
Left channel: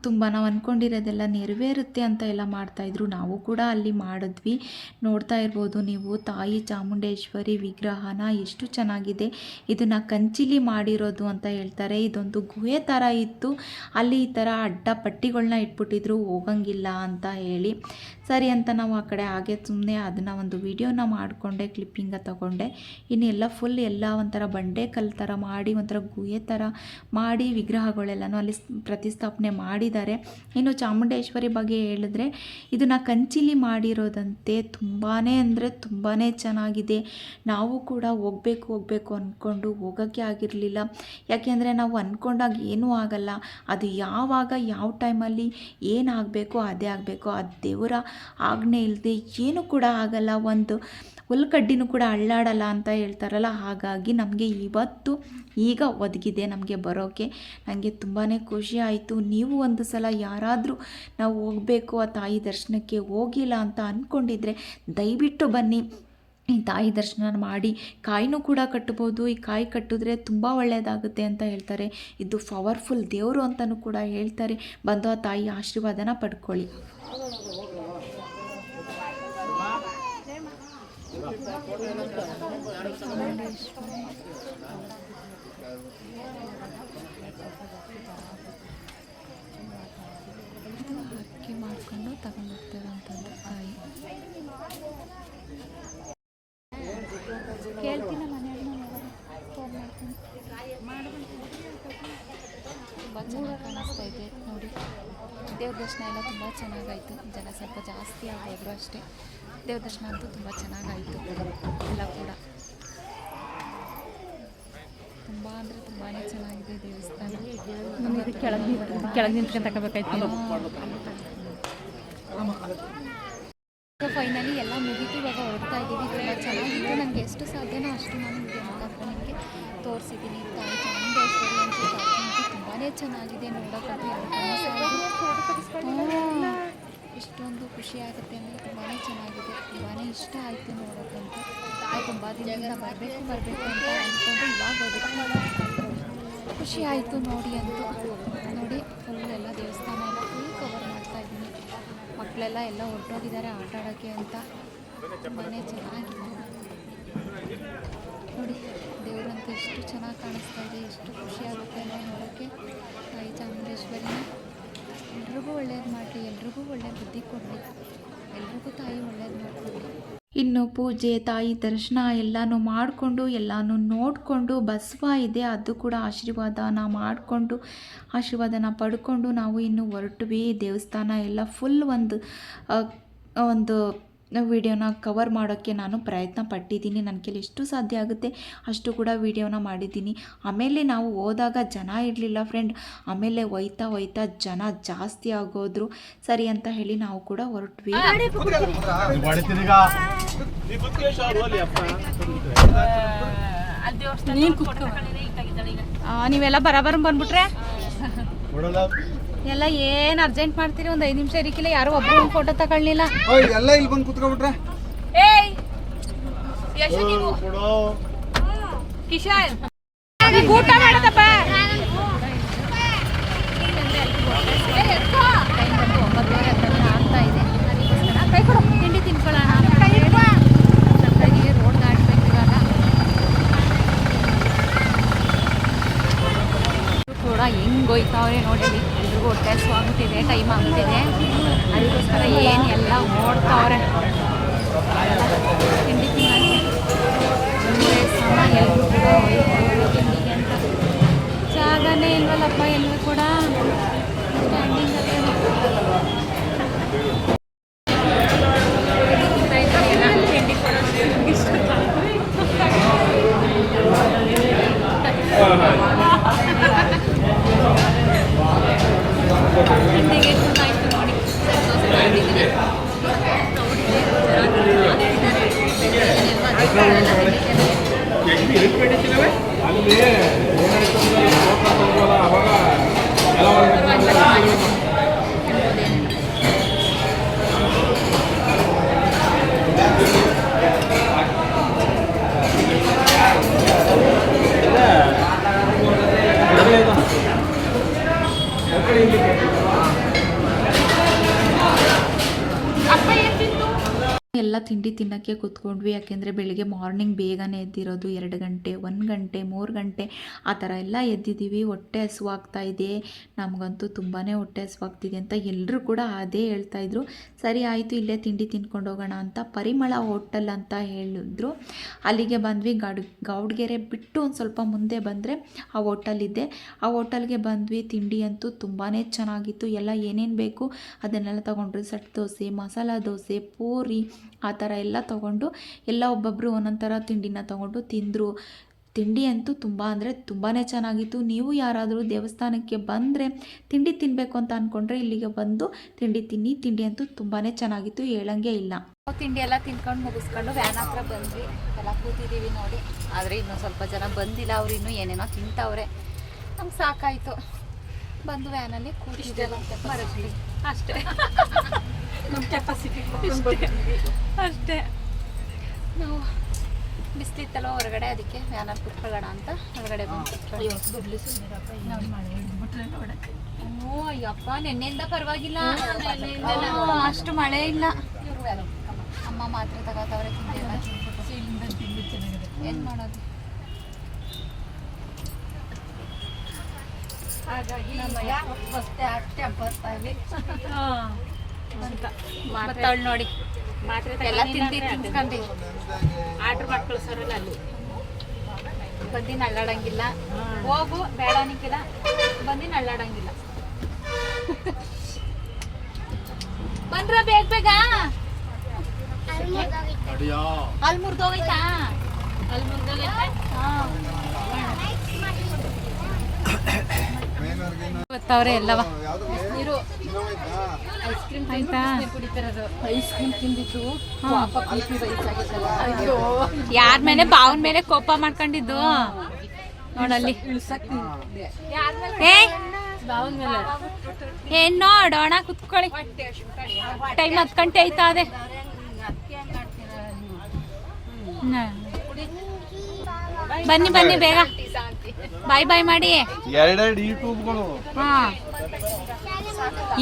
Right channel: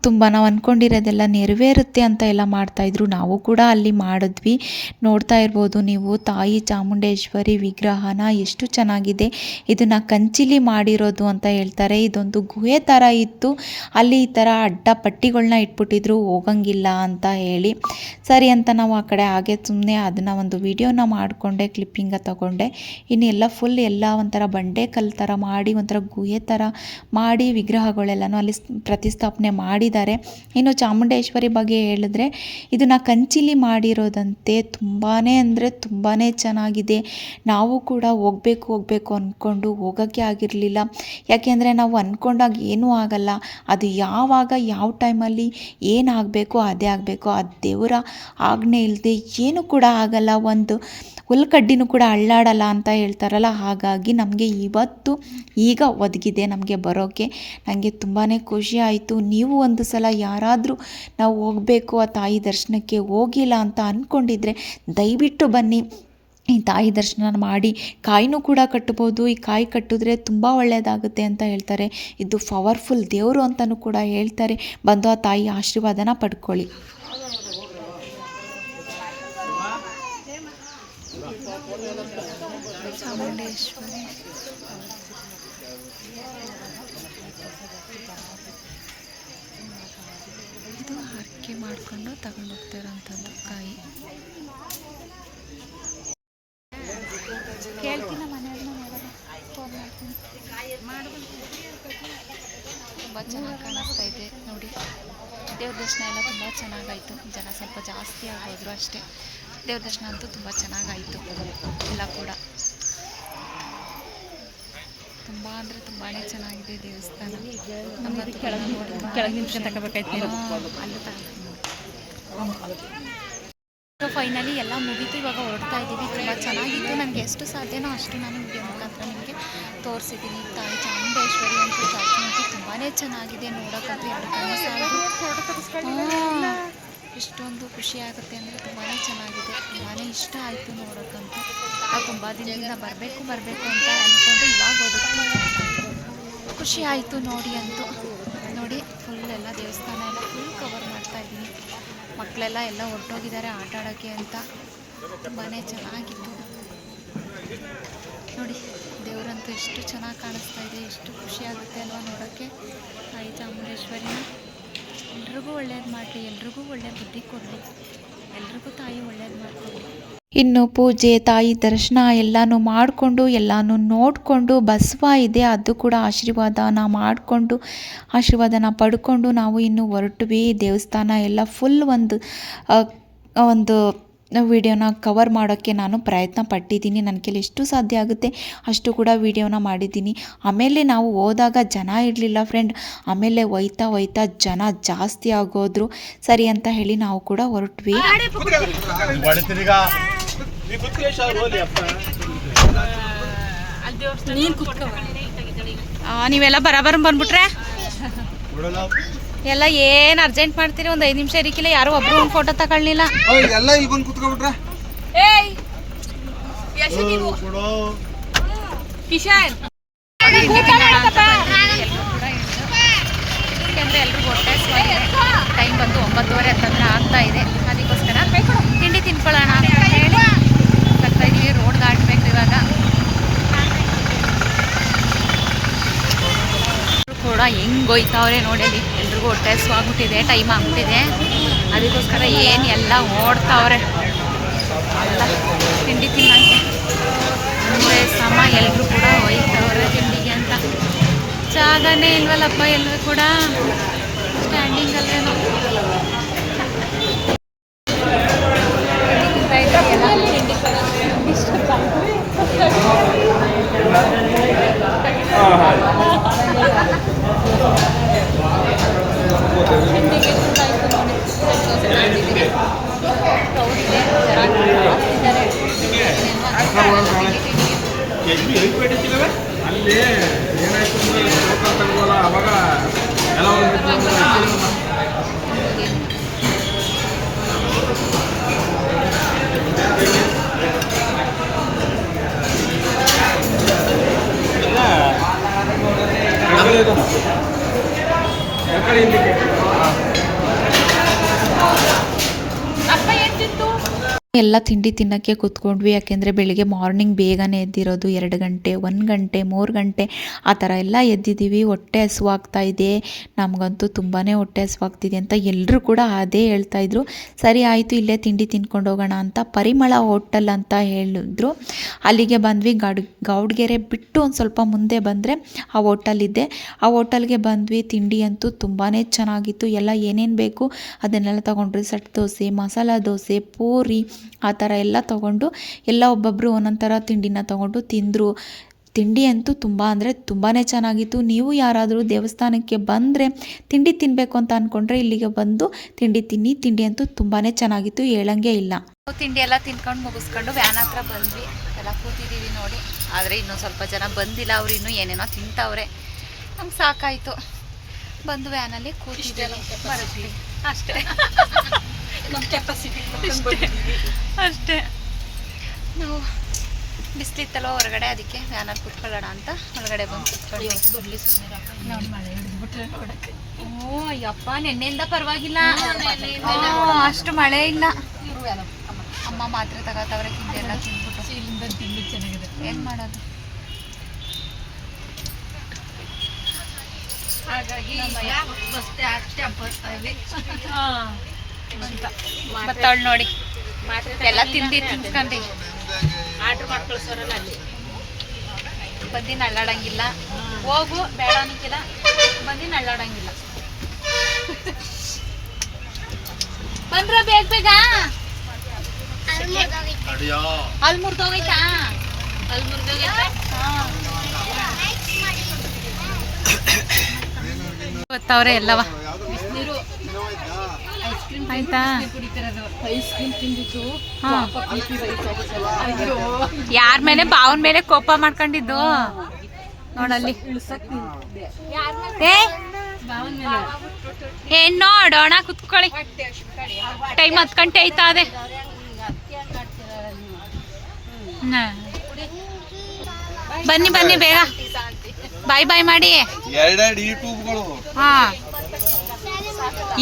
ತುಂಬ ನಾವು ಅಂದ್ಕೊಂಡಿರೋದೆಲ್ಲ ನೆರವೇರುತ್ತೆ ಅಂತ ಎಲ್ಲ ಮಾಡ್ತಾಯಿದ್ರು. ನಾವು ಕೂಡ ಅಲ್ಲಿ ಮಾಡಿದ್ವಿ. ನೋಡ್ತಾ ಇರ್ಬೋದು ನೀವು ತಾಯಿ ಚಾಮುಂಡೇಶ್ವರಿ ವಿಗ್ರಹನ ಎಷ್ಟು ಚೆನ್ನಾಗಿದೆ. ಇದನ್ನು ಕಂಚಿಲಿ ಮಾಡಿರೋದು ಅಂತ ಹೇಳ್ತಾರೆ. ಇದೊಂದು ಗುಹೆ ಥರ ಇತ್ತು, ಅಲ್ಲಿ ಈ ಥರ ಅಡ್ಡ ಪಟ್ಟಿಗಳನ್ನ ಇಟ್ಬಿಟ್ಟಿದ್ರು ಹೋಗಂಗಿಲ್ಲ ಅಂತ ಹೇಳಿ. ಸರಿ ಅಂತ ನಾವು ಆ ಕಡೆ ಹಾಗೆ ಸುಮ್ಮನೆ ಅದನ್ನು ಒಂದು ವಿಡಿಯೋನ ಮಾಡಿಕೊಂಡೆ, ಕ್ಲಿಪ್ಪಿಂಗ ತಗೊಂಡೆ. ಇನ್ನು ಎಲ್ಲ ಫುಲ್ ಎಲ್ಲ ಒಂಥರ ಬಂಡೆ ಕಲ್ಲು ಥರ ಮಾಡಿ ಒಂಥರ ಗುಹೆ ಥರ ಮಾಡಿ ವಿಗ್ರಹಗಳೆಲ್ಲನೂ ಅಲ್ಲಿ ಪ್ರತಿಷ್ಠಾಪನೆ ಮಾಡಿದ್ದಾರೆ. ಇನ್ನು ಚಾಮುಂಡೇಶ್ವರಿ ಬಗ್ಗೆ ಹೇಳಿದ್ರೆ ಇದನ್ನು ಕಂಚಿಲಿ ಮಾಡಿರೋದಂತೆ. ತುಂಬಾ ಅಂದರೆ ತುಂಬಾ ಚೆನ್ನಾಗಿದೆ. ನಾವು ಕೂಡ ಹೋಗಬೇಕು ಅಂದ್ಕೊಂಡು ಹೋಗೋಕ್ಕೆ ಆಗಿರಲಿಲ್ಲ. ಯಾಕೆಂದರೆ ನಾವು ಅಂದ್ಕೊಂಡಾಗ ಏನೂ ಆಗಲ್ಲ. ಅದು ಯಾವಾಗ ಯಾವ ಟೈಮಲ್ಲಿ ಏನಾಗಬೇಕು ಅದೇ ಆಗಬೇಕು. ಆ ದೇವರ ಆಜ್ಞೆ ಇಲ್ಲದೆ ಏನೂ ಕೂಡ ಆಗಲ್ಲ. ಒಂದು ಹುಲ್ಕಡ್ಡಿನೂ ಕೂಡ ಅಳ್ಳಾಡಲ್ಲ ಅಂತ ಹೇಳ್ತಾರಲ್ಲ, ಹಾಗಾಗಿ ನಮಗೆ ಇವತ್ತು ಈಗ ಒದಗಿದೆ ನಮಗೆ ಬರೋಕ್ಕೆ. ನನಗೆ ತುಂಬಾ ಖುಷಿ ಆಯಿತು. ನೀವು ಒಂದು ಸಲ ಯಾರಾದರೂ ನಾವು ಹೋಗಬೇಕು ಆ ತಾಯಿ ದರ್ಶನಕ್ಕೆ ಹೋಗಿಲ್ಲ ಅಂತ ಅಂದ್ಕೊಂಡಿದ್ರೆ ದಯವಿಟ್ಟು ಬನ್ನಿ. ಈ ತಾಯಿ ದರ್ಶನ ಮಾಡಿ ಕಾಯಿನೂ ಕೂಡ ಕಟ್ಬೋದು. ಈ ಕಾಯಿ ಕಟ್ಟಿದ್ರೆ ತುಂಬ ಒಳ್ಳೆಯದಾಗುತ್ತೆ ಅಂತ ಹೇಳ್ತಾರೆ. ಇದು ಪವರ್ಫುಲ್ ದೇವರು ಅಂತಲೂ ಕೂಡ ಹೇಳ್ತಾರೆ. ಬಂದು ಆ ತಾಯಿ ಆಶೀರ್ವಾದನ ಪಡ್ಕೊಳ್ಳಿ. ಚಾಮುಂಡೇಶ್ವರಿ ಇದು ಹರಕೆ ಮಾಡಿಕೊಂಡು ತಗೊಂಡು ಹೋಗ್ತಾರಂಥದ್ದು ಕಾಯಿ. ಕೇಳ್ತೀನಿ ಮನೆಯವ್ರನ್ನ, ಫೋನ್ ಮಾಡ್ತೀನಿ. ತುಂಬ ಚೆನ್ನಾಗಿ ಕಾಣಿಸ್ತಾ ಇದೆ ನೋಡಿ. ದೇವ್ರ ದರ್ಶನ ಎಲ್ಲ ತುಂಬ ಚೆನ್ನಾಗಾಯಿತು. ಜನ ಸ್ವಲ್ಪ ಜಾಸ್ತಿ ಆಗೋದ್ರು ಅಷ್ಟೇ. ದೇವ್ರ ದರ್ಶನ ಅಂತೂ ತುಂಬ ಚೆನ್ನಾಗಾಯಿತು ಎಲ್ಲ ಕೂಡ. ತುಂಬ ಅಂದರೆ ತುಂಬಾ ಚೆನ್ನಾಗಿದೆ ದೇವಸ್ಥಾನ. ಫೈನಲಿ ಎಲ್ಲ ಮುಗೀತು. ಇವಾಗ ಹೊರಡ್ತಾ ಇದ್ದೀವಿ. ತುಂಬ ಚೆನ್ನಾಗಿತ್ತು. ನನಗೆ ಎಷ್ಟು ಸಾಧ್ಯನೋ ಅಷ್ಟು ನಾನು ವಿಡಿಯೋ ಮುಖಾಂತರ ನಿಮಗೆ ತೋರಿಸಿದ್ದೀನಿ. ತಾಯಿ ಚಾಮುಂಡೇಶ್ವರಿ ಅಂತೂ ಚಾಚು ಅಂತೂ ತುಂಬಾ ಚೆನ್ನಾಗಿದೆ. ನೋಡೋಕ್ಕಂತೂ ಎರಡು ಕಣ್ಣು ಸಾಲದು. ಎಷ್ಟೊಂದು ಖುಷಿ ಆಗುತ್ತೆ ಅಂದರೆ ತುಂಬಾ ಚೆನ್ನಾಗಿದೆ. ತುಂಬಾ ಇಷ್ಟ ಆಯಿತು ನೋಡೋಕ್ಕಂತೂ. ತುಂಬ ದಿನದಿಂದ ಬರಬೇಕು ಅಂತ ಅಂದ್ಕೊಂಡು ಇವಾಗ ಹೋದಕ್ಕೆ ಖುಷಿ ಆಯಿತು ನೋಡಿ. ಅಂತೂ ನೋಡಿ ಫುಲ್ ಎಲ್ಲ ದೇವಸ್ಥಾನ ಎಲ್ಲ ಫುಲ್ ಕವರ್ ಮಾಡ್ತಾಯಿದ್ದೀನಿ. ಮಕ್ಕಳೆಲ್ಲ ಹೊರಟೋಗಿದ್ದಾರೆ ಆಟ ಆಡೋಕ್ಕೆ ಅಂತ. ತುಂಬಾ ಚೆನ್ನಾಗಿತ್ತು ನೋಡಿ. ದೇವರಂತೂ ಎಷ್ಟು ಚೆನ್ನಾಗಿ ಕಾಣಿಸ್ತಾ ಇದೆ. ಎಷ್ಟು ಖುಷಿ ಆಗುತ್ತೆ ಅಲ್ವಾ ನೋಡೋಕ್ಕೆ. ತಾಯಿ ಚಾಮುಂಡೇಶ್ವರಿನ ಎಲ್ರಿಗೂ ಒಳ್ಳೇದು ಮಾಡಲಿ, ಎಲ್ರಿಗೂ ಒಳ್ಳೆ ಬುದ್ಧಿ ಕೊಡಲಿ, ಎಲ್ರಿಗೂ ತಾಯಿ ಒಳ್ಳೇದು ಮಾಡಿಕೊಡ್ಲಿ. ಇನ್ನು ಪೂಜೆ ತಾಯಿ ದರ್ಶನ ಎಲ್ಲನೂ ಮಾಡಿಕೊಂಡು ಎಲ್ಲನೂ ನೋಡಿಕೊಂಡು ಬಸವ ಇದೆ ಅದು ಕೂಡ ಆಶೀರ್ವಾದನ ಮಾಡಿಕೊಂಡು ಆಶೀರ್ವಾದನ ಪಡ್ಕೊಂಡು ನಾವು ಇನ್ನು ಹೊರಟ್ವಿ. ದೇವಸ್ಥಾನ ಎಲ್ಲ ಫುಲ್ ಒಂದು ವಿಡಿಯೋನ ಕವರ್ ಮಾಡೋಕ್ಕೆ ನಾನು ಪ್ರಯತ್ನ ಪಟ್ಟಿದ್ದೀನಿ. ನನ್ನ ಕೈಲಿ ಎಷ್ಟು ಸಾಧ್ಯ ಆಗುತ್ತೆ ಅಷ್ಟು ಕೂಡ ವಿಡಿಯೋನ ಮಾಡಿದ್ದೀನಿ. ಆಮೇಲೆ ನಾವು ಹೋದಾಗ ಜನ ಇರಲಿಲ್ಲ ಫ್ರೆಂಡ್. ಆಮೇಲೆ ಹೋಯ್ತಾ ಜನ ಜಾಸ್ತಿ ಆಗೋದ್ರು. ಸರಿ ಅಂತ ಹೇಳಿ ನಾವು ಕೂಡ ಹೊರಟ್ವಿ. ನೀವೆಲ್ಲ ಬರಾಬರ್ ಬಂದ್ಬಿಟ್ರೆ ಎಲ್ಲ ಏನ್ ಅರ್ಜೆಂಟ್ ಮಾಡ್ತೀರಿ? ಒಂದು 5 ನಿಮಿಷ ಇರಿಕಿಲ್ಲ. ಯಾರು ಒಬ್ರು ಒಂದು ಫೋಟೋ ತಗೊಳ್ಳಿಲ್ಲ. ಎಲ್ಲ ಇಲ್ಲಿ ಬಂದು ಕುತ್ಕೊಂಡ್ಬಿಟ್ರೆ ಎಲ್ರಿಗೂ ಹೊಟ್ಟೆ ಟೈಮ್ ಬಂದು 9:30 ಹತ್ತತ್ರ ಆಗ್ತಾ ಇದೆ. ಅದಕ್ಕೋಸ್ಕರ ತಿಂಡಿ ತಿನ್ಕೊಳ್ಳೋಣ ಅಂತ ಹೇಳಿ ಬರ್ತಾ ಇದೀವಿ. ರೋಡ್ ದಾಟಬೇಕು ಇವಾಗ. ಕೂಡ ಹೆಂಗೆ ಹೋಯ್ತಾವ್ರೆ ನೋಡಿ. ಅಲ್ಲಿ ಎಲ್ರಿಗೂ ಹೊಟ್ಟೆ ಹಸ್ವಾಗ್ಬಿಟ್ಟಿದೆ, ಟೈಮ್ ಆಗ್ಬಿಟ್ಟಿದೆ. ಅದಕ್ಕೋಸ್ಕರ ಏನು ಎಲ್ಲ ಓಡ್ತಾವ್ರೆ ಎಲ್ಲ ತಿಂಡಿ ತಿನ್ನೋಕ್ಕೆ. ಮುಂದೆ ಸಮ ಎಲ್ಲರೂ ಕೂಡ ಹೋಯ್ತಾವ್ರೆ ತಿಂಡಿಗೆ ಅಂತ. ಜಾಗನೇ ಇಲ್ವಲ್ಲಪ್ಪ ಎಲ್ಲರೂ ಕೂಡ. ಸ್ಟ್ಯಾಂಡಿಂಗ್ ಅಲ್ಲೇನೋ ತಿಂಡಿ ಅಲ್ಲಿ ಏನಾಯ್ತು ಅವಾಗ ಎಲ್ಲ ಎಲ್ಲ ತಿಂಡಿ ತಿನ್ನೋಕ್ಕೆ ಕೂತ್ಕೊಂಡ್ವಿ. ಯಾಕೆಂದರೆ ಬೆಳಿಗ್ಗೆ ಮಾರ್ನಿಂಗ್ ಬೇಗನೆ ಎದ್ದಿರೋದು, 2 ಗಂಟೆ 1 ಗಂಟೆ 3 ಗಂಟೆ ಆ ಥರ ಎಲ್ಲ ಎದ್ದಿದ್ದೀವಿ. ಹೊಟ್ಟೆ ಹಸುವಾಗ್ತಾ ಇದೆ, ನಮಗಂತೂ ತುಂಬಾ ಹೊಟ್ಟೆ ಹಸುವಾಗ್ತಿದೆ ಅಂತ ಎಲ್ಲರೂ ಕೂಡ ಅದೇ ಹೇಳ್ತಾಯಿದ್ರು. ಸರಿ ಆಯಿತು, ಇಲ್ಲೇ ತಿಂಡಿ ತಿನ್ಕೊಂಡು ಹೋಗೋಣ ಅಂತ ಪರಿಮಳ ಹೋಟೆಲ್ ಅಂತ ಹೇಳಿದ್ರು. ಅಲ್ಲಿಗೆ ಬಂದ್ವಿ. ಗೌಡ್ಗೆರೆ ಬಿಟ್ಟು ಒಂದು ಸ್ವಲ್ಪ ಮುಂದೆ ಬಂದರೆ ಆ ಹೋಟೆಲ್ ಇದೆ. ಆ ಹೋಟೆಲ್ಗೆ ಬಂದ್ವಿ. ತಿಂಡಿ ಅಂತೂ ತುಂಬಾ ಚೆನ್ನಾಗಿತ್ತು. ಎಲ್ಲ ಏನೇನು ಬೇಕು ಅದನ್ನೆಲ್ಲ ತೊಗೊಂಡ್ರಿ. ಸೆಟ್ ದೋಸೆ, ಮಸಾಲ ದೋಸೆ, ಪೂರಿ ಆ ಥರ ಎಲ್ಲ ತೊಗೊಂಡು ಎಲ್ಲ ಒಬ್ಬೊಬ್ಬರು ಒಂದೊಂದು ಥರ ತಿಂಡಿನ ತೊಗೊಂಡು ತಿಂದರು. ತಿಂಡಿ ಅಂತೂ ತುಂಬ ಅಂದರೆ ತುಂಬಾ ಚೆನ್ನಾಗಿತ್ತು. ನೀವು ಯಾರಾದರೂ ದೇವಸ್ಥಾನಕ್ಕೆ ಬಂದರೆ ತಿಂಡಿ ತಿನ್ನಬೇಕು ಅಂತ ಅಂದ್ಕೊಂಡ್ರೆ ಇಲ್ಲಿಗೆ ಬಂದು ತಿಂಡಿ ತಿನ್ನಿ. ತಿಂಡಿ ಅಂತೂ ತುಂಬಾ ಚೆನ್ನಾಗಿತ್ತು, ಹೇಳಂಗೆ ಇಲ್ಲ. ತಿಂಡಿ ಎಲ್ಲ ತಿನ್ಕೊಂಡು ಮುಗಿಸ್ಕೊಂಡು ವ್ಯಾನ್ ಹತ್ರ ಬಂದ್ವಿ. ಎಲ್ಲ ಕೂತಿದ್ದೀವಿ ನೋಡಿ. ಆದರೆ ಇನ್ನೂ ಸ್ವಲ್ಪ ಜನ ಬಂದಿಲ್ಲ, ಅವ್ರು ಇನ್ನೂ ಏನೇನೋ ತಿಂತವ್ರೆ. ನಮ್ಗೆ ಸಾಕಾಯಿತು, ಬಂದು ವ್ಯಾನಲ್ಲಿ ಕೂತಿದ್ದೇವೆ, ಬರುತ್ತೀವಿ ಅಷ್ಟೇ. ನಮ್ಮ ಕೆಪಾಸಿಟಿ ಅಷ್ಟೇ. ನಾವು ಬಿಸಿಲಿತ್ತಲ್ವ ಹೊರಗಡೆ, ಅದಕ್ಕೆ ವ್ಯಾನಲ್ಲಿ ಕೂತ್ಕೊಳ್ಳೋಣ ಅಂತ ಒಳಗಡೆ ಬಂದು ಕೂತ್ಕೊಂಡ್ವಿ. ಓ ಅಯ್ಯಪ್ಪ, ನೆನ್ನೆಯಿಂದ ಪರವಾಗಿಲ್ಲ, ಅಷ್ಟು ಮಳೆ ಇಲ್ಲ. ಅಮ್ಮ ಮಾತ್ರ ತಗೋತವ್ರೆ, ತಿಂಡಿ ಎಲ್ಲ ತಿಂದ್ಬಿಟ್ಟು ಚೆನ್ನಾಗಿದೆ. ಏನು ಮಾಡೋದು, ಹಾಗಾಗಿ ಬರ್ತಾವಳು ನೋಡಿ. ಎಲ್ಲ ತಿಂದು ತಿನ್ಕೊಂಡು ಆರ್ಡ್ರ್ ಮಾಡಿ ಕಳಿಸೋರಲ್ಲ, ಅಲ್ಲಿ ಬಂದು ನಳ್ಳಾಡಂಗಿಲ್ಲ. ಹೋಗು ಬೇಡ ಅನ್ನಕ್ಕಿಲ್ಲ, ಬಂದು ನಳ್ಳಾಡಂಗಿಲ್ಲ. ಬಂದ್ರ ಬೇಗ ಬೇಗ. ಅಲ್ಲಿ ಮುರ್ದೋಗೈತಾ? ಅಲ್ಲಿ ಮುರ್ದೋಗೈತಾ? ಗೊತ್ತವ್ರೆ ಎಲ್ಲವ ಆಯ್ತಾ. ಯಾರ ಮೇಲೆ? ಬಾವನ ಮೇಲೆ ಕೋಪ ಮಾಡ್ಕೊಂಡಿದ್ದು ನೋಡಲ್ಲಿ. ಏನ್ ನೋಡೋಣ, ಕುತ್ಕೊಳ್ಳಿ. ಟೈಮ್ 10 ಗಂಟೆ ಆಯ್ತಾ? ಅದೇ ಬನ್ನಿ ಬನ್ನಿ ಬೇಗ, ಬಾಯ್ ಬಾಯ್ ಮಾಡಿ. ಹಾ,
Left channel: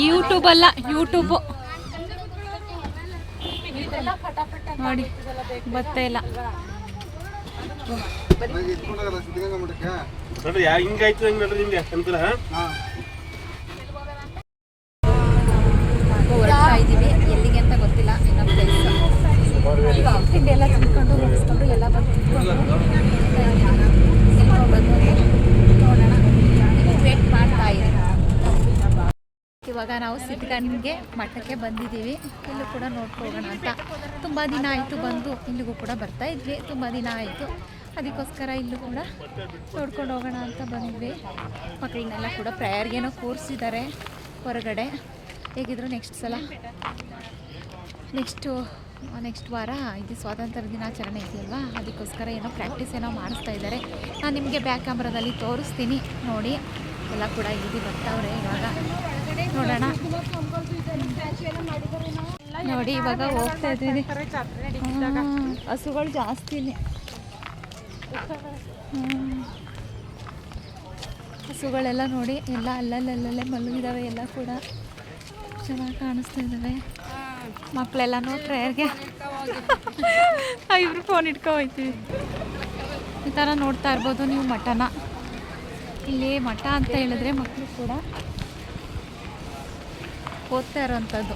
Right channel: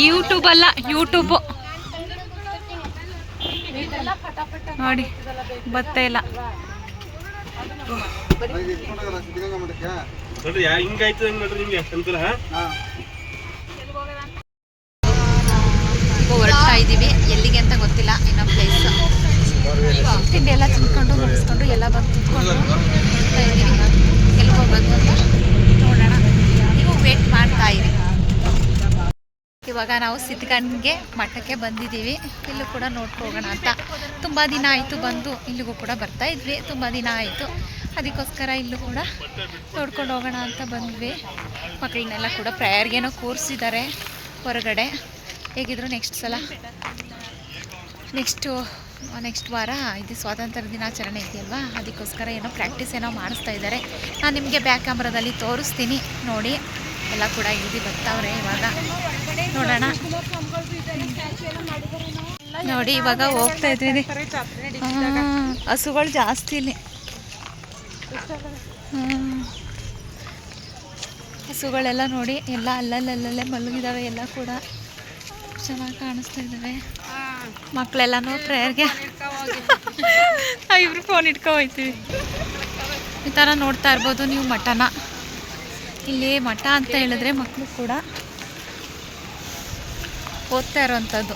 ಯೂಟ್ಯೂಬ್ ಅಲ್ಲ, ಯೂಟ್ಯೂಬ್ ನೋಡಿ. ಬತ್ತೇ ಇಲ್ಲ. ಹೊರಡ್ತಾ ಇದ್ದೀವಿ, ಎಲ್ಲಿಗೆ ಅಂತ ಗೊತ್ತಿಲ್ಲ. ಇನ್ನೂ ಪ್ಲೇಸ್ ತಿಂಡಿ ಎಲ್ಲ ತಿನ್ಕೊಂಡು ಮುಗಿಸ್ಕೊಂಡು ಎಲ್ಲ ಬಂದು ಕುತ್ಕೊಂಡು ಎಲ್ಲಿ ಹೋಗೋದು ಅಂತ ನೋಡೋಣ. ನೀವು ವೇಟ್ ಮಾಡ್ತಾ ಇರಿ. ಇವಾಗ ನಾವು ಸಿದ್ಧಗಂಗೆ ಮಠಕ್ಕೆ ಬಂದಿದ್ದೀವಿ. ಇಲ್ಲೂ ಕೂಡ ನೋಡ್ಕೋಗೋಣ ಅಂತ. ತುಂಬ ದಿನ ಆಯಿತು ಬಂದು, ಇಲ್ಲಿಗೂ ಕೂಡ ಬರ್ತಾ ಇದ್ವಿ, ತುಂಬ ದಿನ ಆಯಿತು. ಅದಕ್ಕೋಸ್ಕರ ಇಲ್ಲೂ ಕೂಡ ನೋಡ್ಕೊಂಡು ಹೋಗೋಣ ಅಂತ ಬಂದ್ವಿ. ಮಕ್ಕಳನ್ನೆಲ್ಲ ಕೂಡ ಪ್ರೇಯರ್ಗೇನೋ ಕೂರಿಸಿದ್ದಾರೆ ಹೊರಗಡೆ. ಹೇಗಿದ್ರು ನೆಕ್ಸ್ಟ್ ವಾರ ಇದು ಸ್ವಾತಂತ್ರ್ಯ ದಿನಾಚರಣೆ ಇದೆಯಲ್ವಾ, ಅದಕ್ಕೋಸ್ಕರ ಏನೋ ಪ್ರಾಕ್ಟೀಸ್ ಏನೋ ಮಾಡಿಸ್ತಾ ಇದ್ದಾರೆ. ನಾನು ನಿಮಗೆ ಬ್ಯಾಕ್ ಕ್ಯಾಮ್ರಾದಲ್ಲಿ ತೋರಿಸ್ತೀನಿ ನೋಡಿ. ಎಲ್ಲ ಕೂಡ ಇಳಿದು ಬರ್ತಾವ್ರೆ. ಇವಾಗ ನೋಡೋಣ ನೋಡಿ. ಇವಾಗ ಹೋಗ್ತಾ ಇದ್ದೀವಿ. ಹಸುಗಳು ಜಾಸ್ತಿ ಇಲ್ಲಿ. ಹಸುಗಳೆಲ್ಲ ನೋಡಿ, ಎಲ್ಲ ಅಲ್ಲಲ್ಲೇ ಮಲಗಿದಾವೆ. ಎಲ್ಲ ಕೂಡ ಚೆನ್ನಾಗಿ ಕಾಣಿಸ್ತಾ ಇದ್ದಾವೆ. ಮಕ್ಕಳೆಲ್ಲನೂ ಪ್ರೇಯರ್ಗೆ ಇಬ್ರು ಫೋನ್ ಇಟ್ಕೊ ಹೋಗ್ತೀವಿ. ಈ ಥರ ನೋಡ್ತಾ ಇರ್ಬೋದು ನೀವು ಮಠನ. ಇಲ್ಲಿ ಮಠ ಅಂತ ಹೇಳಿದ್ರೆ ಮಕ್ಕಳು ಕೂಡ ಓದ್ತಾ ಇರೋವಂಥದ್ದು.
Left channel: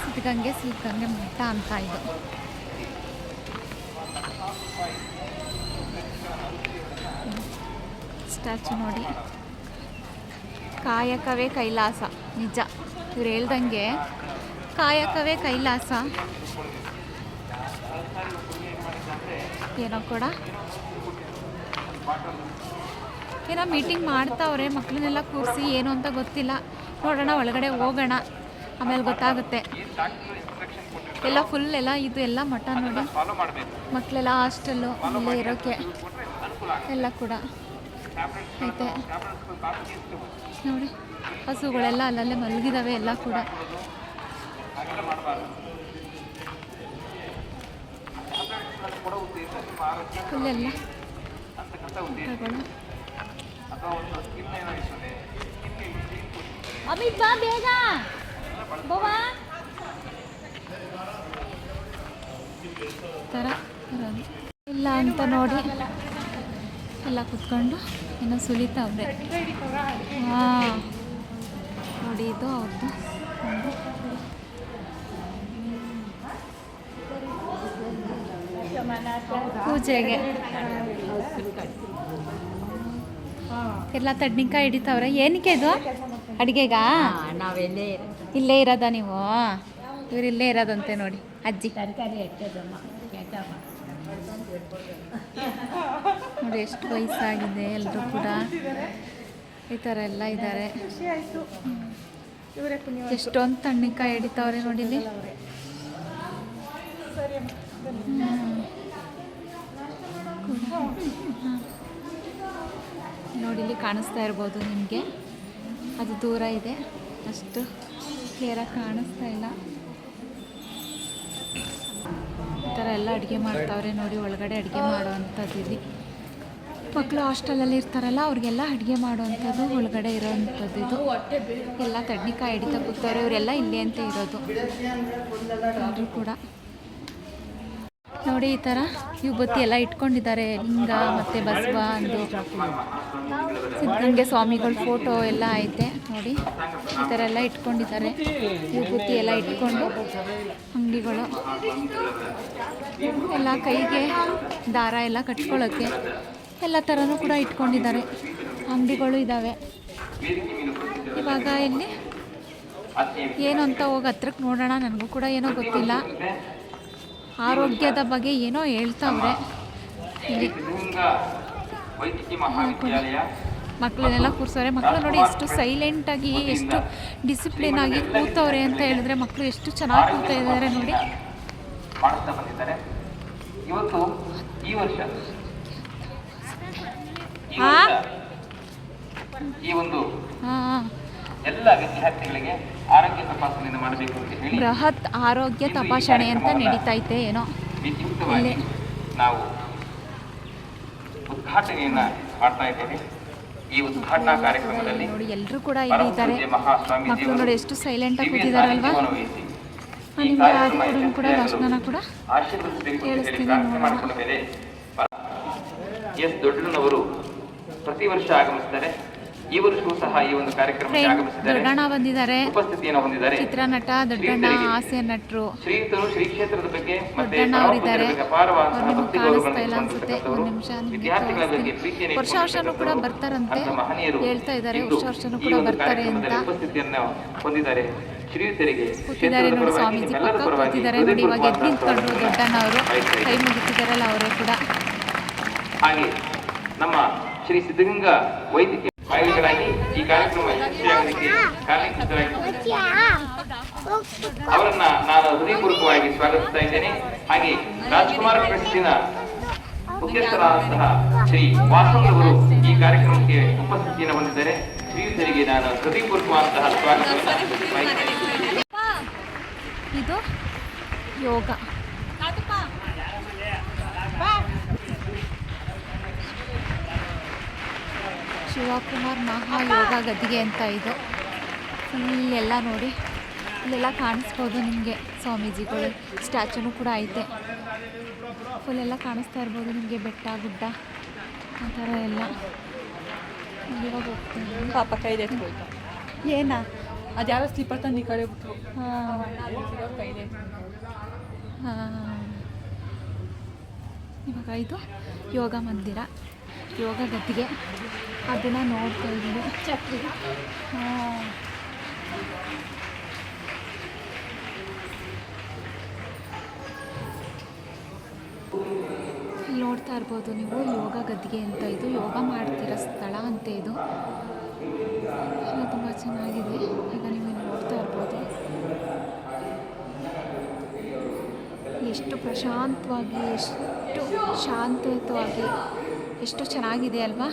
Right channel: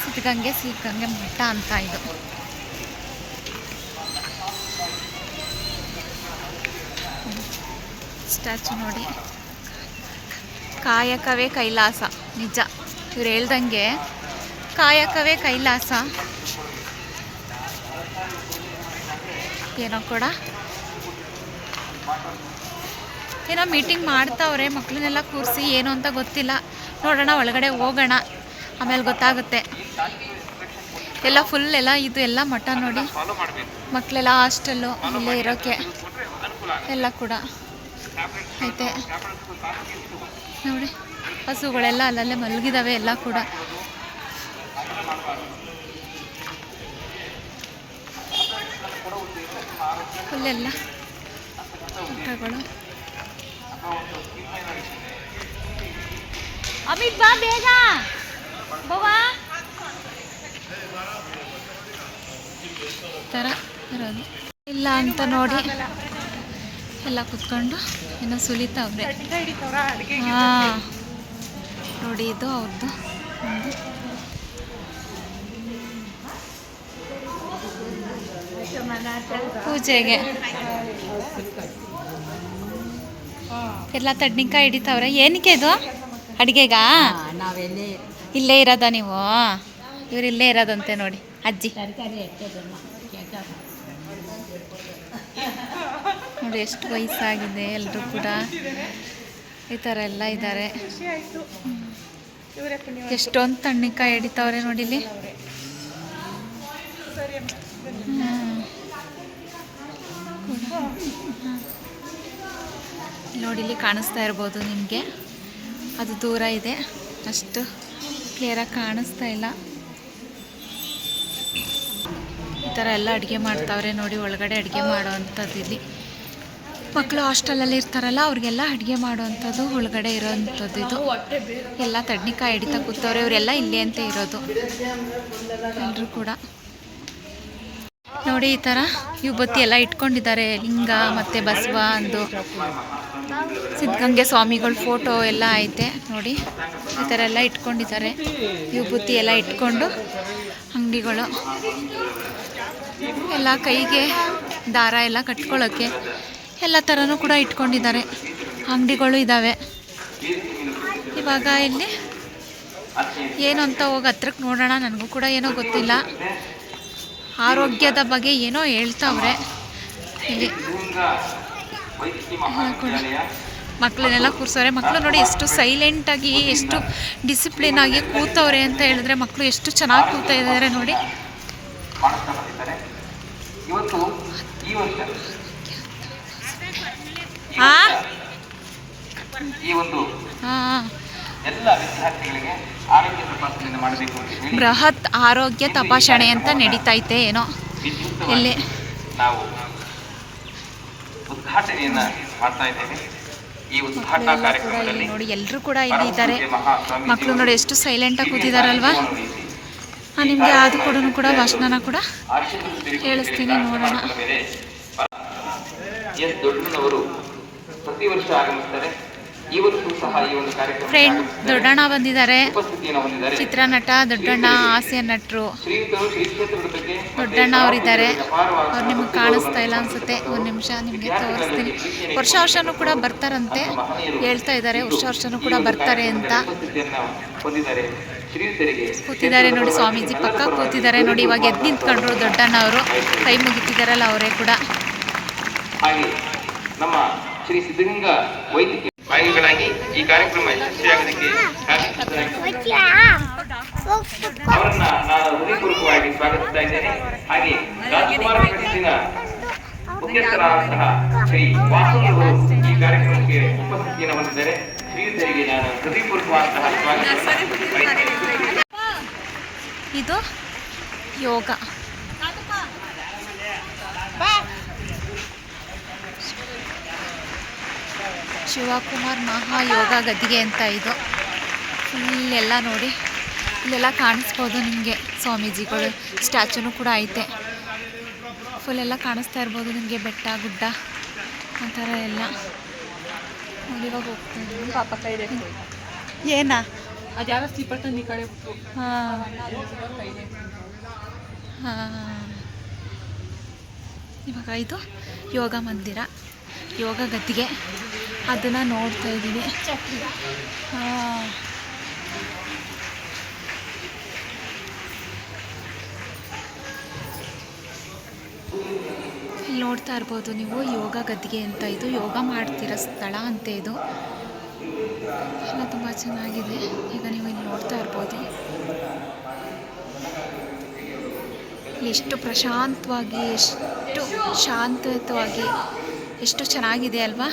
ಸಿದ್ಧಗಂಗೆ ಮಠ ಅಂತ ಇದು. ಸ್ಟ್ಯಾಚು ನೋಡಿ. ಕಾಯಕವೇ ಕೈಲಾಸ. ನಿಜ, ಇವ್ರು ಹೇಳ್ದಂಗೆ ಕಾಯಕವೇ ಕೈಲಾಸ. ಏನೋ ಕೂಡ ಏನೋ ಮೀಟಿಂಗ್ ಮಾಡ್ತಾವ್ರೆ, ಮಕ್ಕಳನ್ನೆಲ್ಲ ಕೂರಿಸಿ, ಏನು ಅಂತ ಗೊತ್ತಿಲ್ಲ. ನೋಡೋಣ, ಒಳಗಡೆ ಹೋಗೋಣ, ಆಮೇಲೆ ಗೊತ್ತಾಗುತ್ತೆ. ಎಲ್ಲ ಫುಲ್ ಎಲ್ಲ ಇದು ಎಲ್ಲ ಮಠ ನೋಡಿ, ಮಕ್ಕಳೆಲ್ಲ ಹಾಸ್ಟೆಲ್ಲು ಇಲ್ಲೇ ಇರೋಕ್ಕೆ ಎಲ್ಲ ಕೂಡ ಐತೆ ನೋಡಿ. ಹಸುಗಳೆಲ್ಲ ಅಲ್ಲಲ್ಲೇ ಮಲಗಿದಾವೆ ಎಲ್ಲ ಕೂಡ. ಫುಲ್ಲೆಲ್ಲ ಊಟಗಳು. ಅಮಿತ್ ಬಾ ಬೇಗ ಬವಾ ಥರ ಇರೋದು ಇಲ್ಲ ಅಂತ ನೋಡಿ ಎಲ್ಲ ಕುತ್ಕೊಂಡು ಏನೋ ಸುಲಿತಾವ್ರೆ. ಹಾಂ ನೋಡಿ, ಇದು ಅವ್ರದ್ದು ಪೂಜೆಗೆ ಎಲ್ಲ ತಡ್ನಿಕಾಯಿ ಹಿಡಿತಾವ್ರೆ. ಏನಕ್ಕೆ ಇದು ಅಡುಗೆಗಾ? ಇಲ್ಲೇ ಇರೋದ ನೀವು? ಇವ್ರು ಇಲ್ಲೇ ಇರೋದಂತೆ ನೋಡಿ, ಅಜ್ಜಿ ನೋಡಿ ಎಷ್ಟು ವಯಸ್ಸಾಗಿದೆ. ಎಲ್ಲರೂ ಕೂಡ ಈ ಥರ ಎಲ್ಲ ಇದ್ದಾರೆ. ಎಷ್ಟೊಂದು ತಣ್ಣಿಕಾಯಿ ಹಿಡಿತಾವ್ರೆ ನೋಡಿ ಇಲ್ಲಿ. ನೋಡಿ ಇಲ್ಲಿ ಕಾಣಿಸ್ತಾ ಇರ್ಬೋದು ನಿಮಗೆ, ಅದು ದೂರ ಇದೆ, ಅಷ್ಟು ಕ್ಲಿಯರಾಗಿ ಕಾಣಿಸ್ತಾ ಇಲ್ಲ. ಈ ಥರ ಎಲ್ಲ ಅಡುಗೆ ಮಾಡ್ತಾವ್ರೆ ನೋಡಿ, ಒಳಗಡೆ ಅಡುಗೆ ಮಾಡೋ ಅಂಥದ್ದು. ಇಲ್ಲಿ ಮಕ್ಕಳು ಹಾಸ್ಟೆಲಲ್ಲಿ ಇರ್ತಾರಲ್ಲ, ಅವ್ರಿಗೆಲ್ಲ ಅಡುಗೆ ಮಾಡೋವಂಥದ್ದು ಒಳಗಡೆ ಇರೋವಂಥದ್ದು. ಇದು ಎಲ್ಲ ತಡ್ನಿಕಾಯಿ ಹಿಡಿತಾ ಕೂತವ್ರೆ. ಇವರೆಲ್ಲ ಇಲ್ಲೇ ಅಂತ ಇರೋದು ಎಲ್ಲರೂ ಕೂಡ ನೋಡಿ. ಈ ಥರ ಯುವತಿ ಎಲ್ಲ ಇಟ್ಕೊಂಡಿದ್ದಾರೆ, ಲಿಂಗ ಮತ್ತು ಬಸವ ಅಂದು, ಸಿದ್ಧಗಂಗೆ ಸ್ವಾಮಿಗಳ ಫೋಟೋ ಎಲ್ಲ ಐತೆ ನೋಡಿ. ಈ ಥರ ಎಲ್ಲ ಇಟ್ಕೊಂಡಿದ್ದಾರೆ, ವಿಭೂತಿ ಎಲ್ಲ ಇಟ್ಕೊಂಡು. ಅಂಗಡಿಗಳು ಎಲ್ಲ ಕೈಗೆ ದಾರ ಎಲ್ಲ ಕಟ್ಕೊಳ್ಳೋಕ್ಕೆ ಎಲ್ಲ ಥರನೂ ಕೂಡ ಇಟ್ಕೊಂಡಿದ್ದಾರೆ. ಅಂಗಡಿಗಳು ಇದ್ದಾವೆ. ಇವಾಗ ಇಲ್ಲಿ ಏನು ಅಂತ ಹೋಗಿ ಹತ್ರಕ್ಕೆ ನೋಡೋಣ. ನನಗೂ ಕೂಡ ಏನೋ ಗೊತ್ತಿಲ್ಲ, ಆರೋಗ್ಯದ ಬಗ್ಗೆ ಏನೋ ಹೇಳ್ತಾವ್ರೆ ಇಲ್ಲಿ. ಕೂಡ ಮಕ್ಕಳನ್ನೆಲ್ಲ ಕೂರಿಸೋರೆ. ಮಕ್ಕಳು ನೋಡಿ ಎಷ್ಟು ಸೈಲೆಂಟಾಗಿ, ಎಷ್ಟು ಡಿಸಿಪ್ಲಿನಾಗಿ ಕೂತವ್ರೆ ಅಂತ ಹೇಳಿದ್ರೆ, ಮಕ್ಕಳು ಎಷ್ಟು ಚೆನ್ನಾಗಿ ಕೂತಾ ಇದ್ದಾರೆ ನೋಡಿ. ಬೃಹತ್ ಆರೋಗ್ಯ ತಪಾಸಣೆ ಅಂತ ನಡೀತೈತೆ ಏನೋ ಇಲ್ಲಿ. ನಾವು ಉದ್ಘಾಟನೆಯನ್ನ ಮಾಡ್ತಾ ಇದ್ದೇವೆ. ಈ ಉದ್ಘಾಟನಾ ಕಾರ್ಯಕ್ರಮದಲ್ಲಿ ನೋಡಿ ಎಲ್ಲರೂ ಕೂಡ ಇಲ್ಲಿ ಇದ್ದಾರೆ. ಮಕ್ಕಳು ನೋಡಿ ಎಷ್ಟು ಸೈಲೆಂಟಾಗಿ ಕೂತಿದಾರಲ್ವಾ. ನಿಮಗೆ ಅದು ಕೂಡ ಭಾಷಣನ ಕೂಡ ಹೇಳಿಸ್ತೀನಿ, ನೋಡೋಣ. ಎಸ್ ದೊಡ್ಡನವರು ಪ್ರತಿ ವರ್ಷ ಆಗಮಿಸ್ತಾರೆ. ಈ ವರ್ಷವೂ ಸಹ ಈ ಒಂದು ಕಾರ್ಯಕ್ರಮ ದೊಡ್ಡಣ್ಣ ಬಂದಿದ್ದಾರೆ, ಉಪಸ್ಥಿತಿಯನ್ನು ಹೊಂದಿದ್ದಾರೆ. ಚಿತ್ರನಟ ದೊಡ್ಡಣ್ಣ, ಹಾಸ್ಯ ನಟರು ಶ್ರೀಯುತರು ಶ್ರೀ ಕ್ಷೇತ್ರದ ಬಗ್ಗೆ ದೊಡ್ಡಣ್ಣ ಅವರಿದ್ದಾರೆ. ಅವ್ರು ನಿಮಗೆ ಕಾಣಿಸ್ತಾ ಇಲ್ಲ ಅನ್ಸುತ್ತೆ, ಒಂದು ನಿಮಿಷ ನಿಮಗೆ ತೋರಿಸ್ತೀನಿ. ವರ್ಷನೂ ಕೂಡ ಬರ್ತಾರಂತೆ ಹೇಳ್ತಾ ಇದ್ದಾರೆ, ವರ್ಷನೂ ಕೂಡ ಬರ್ತಾರೆ ಅಂತ. ಕೂತಿದ್ದಾರೆ ನೋಡಿ, ಸ್ವಾಮೀಜಿ ಪಕ್ಕ ಕೂತಿದ್ದಾರೆ ನೋಡಿ. ಇವಾಗ ಎದ್ದು ನಿಂತ್ಕೊಂಡ್ರು ದೊಡ್ಡಣ್ಣ ಅವರು, ಕೈ ಮುಗಿತಿದ್ದಾರಲ್ಲ ಅವರೇ ಕೂಡ. ಹಾಗೆ ನಮ್ಮ ಶ್ರೀ ಸಿದ್ಧಗಂಗಾ ವೈದ್ಯಕೀಯ ಭಾಗಿಗಳಾಗಿ ಈ ಕಾರ್ಯಕ್ರಮ ಯಶಸ್ವಿಯಾಗಲಿಕ್ಕೆ ಅವರನ್ನ ನಾನು ಹೃದಯಪೂರ್ವಕವಾಗಿ ಸ್ವಾಗತಿಸ್ತಾ ಇದ್ದೇನೆ. ಹಾಗೆ ರಾಜಕುಮಾರ ಟ್ರಸ್ಟಿನ ಮುಖ್ಯಸ್ಥರಾದಂತಹ ಶ್ರೀ ವಾಸಂತವರು ಈ ಕಾರ್ಯಕ್ರಮಕ್ಕೆ ಉಪಸ್ಥಿತಿಯನ್ನು ಹೊಂದಿದ್ದಾರೆ. ಶ್ರೀಯುತರಿಗೆ ನಾನು ಹೃದಯಪೂರ್ವಕವಾದಂತಹ ಸ್ವಾಗತ. ಇದು ಯೋಗ. ಶಿವಕುಮಾರ್ ಮಹಾಯೋಗ ಗದ್ದಿಗೆ ಅಂತ ಇದು. ಫುಲ್ ಎಲ್ಲ ನೋಡಿ, ಇಲ್ಲೆಲ್ಲ ಕಾಣಿಸ್ಬೋದು ನಿಮಗೆ. ಸ್ವಾಮೀಜಿಗಳು ಸ್ಟ್ಯಾಚುನೂ ಕೂಡ ಐತೆ. ಫುಲ್ ಎಲ್ಲ ಕಾಣಿಸ್ತಾ ಇರ್ಬೋದು ನಿಮಗೆ, ಬೆಟ್ಟ ಗುಡ್ಡ ಆ ಥರ ಎಲ್ಲ ನೋಡಿ. ಇವಾಗ ಹೋಗ್ತಾ ಇದ್ದೀವಿ. ಪಾಪ ಕೈದೆ ಏನಾ ಅದು ಯಾವ ಸ್ಲೀಪರ್ ತಂದು ಈ ಕಡೆ ಬಿಟ್ಟು. ಹಾಂ ಹಾಂ. ಇವಾಗ ಇದು ಯೋಗ ಮಂದಿರ, ಯೋಗ ಗದ್ದಿಗೆ, ಅದನ್ನು ನೋಡ್ತಾ ಇದ್ದೀವಿ. ಹಾಂ, ಇಲ್ಲಿ ನೋಡ್ತಾ ಇರ್ಬೋದು ನೀವು ಯೋಗ ಗದ್ದಿಗೆ ಅಂತ, ಇದು ಯೋಗ ಮಾಡ್ತಿರೋ ಸ್ಥಳ ಅಂತೆ ಇದು ಎಲ್ಲ ತುಂಬ ಚೆನ್ನಾಗಿದೆ. ಈಗ ನೀವು ಇಲ್ಲಿ ನೋಡ್ತಾ ಇರ್ಬೋದು ಎಷ್ಟು ಪ್ರಶಾಂತವಾಗಿ, ಎಷ್ಟು ಶಾಂತಯುತವಾಗಿ, ಎಷ್ಟು ಚೆನ್ನಾಗಿದೆ ಅಲ್ವಾ.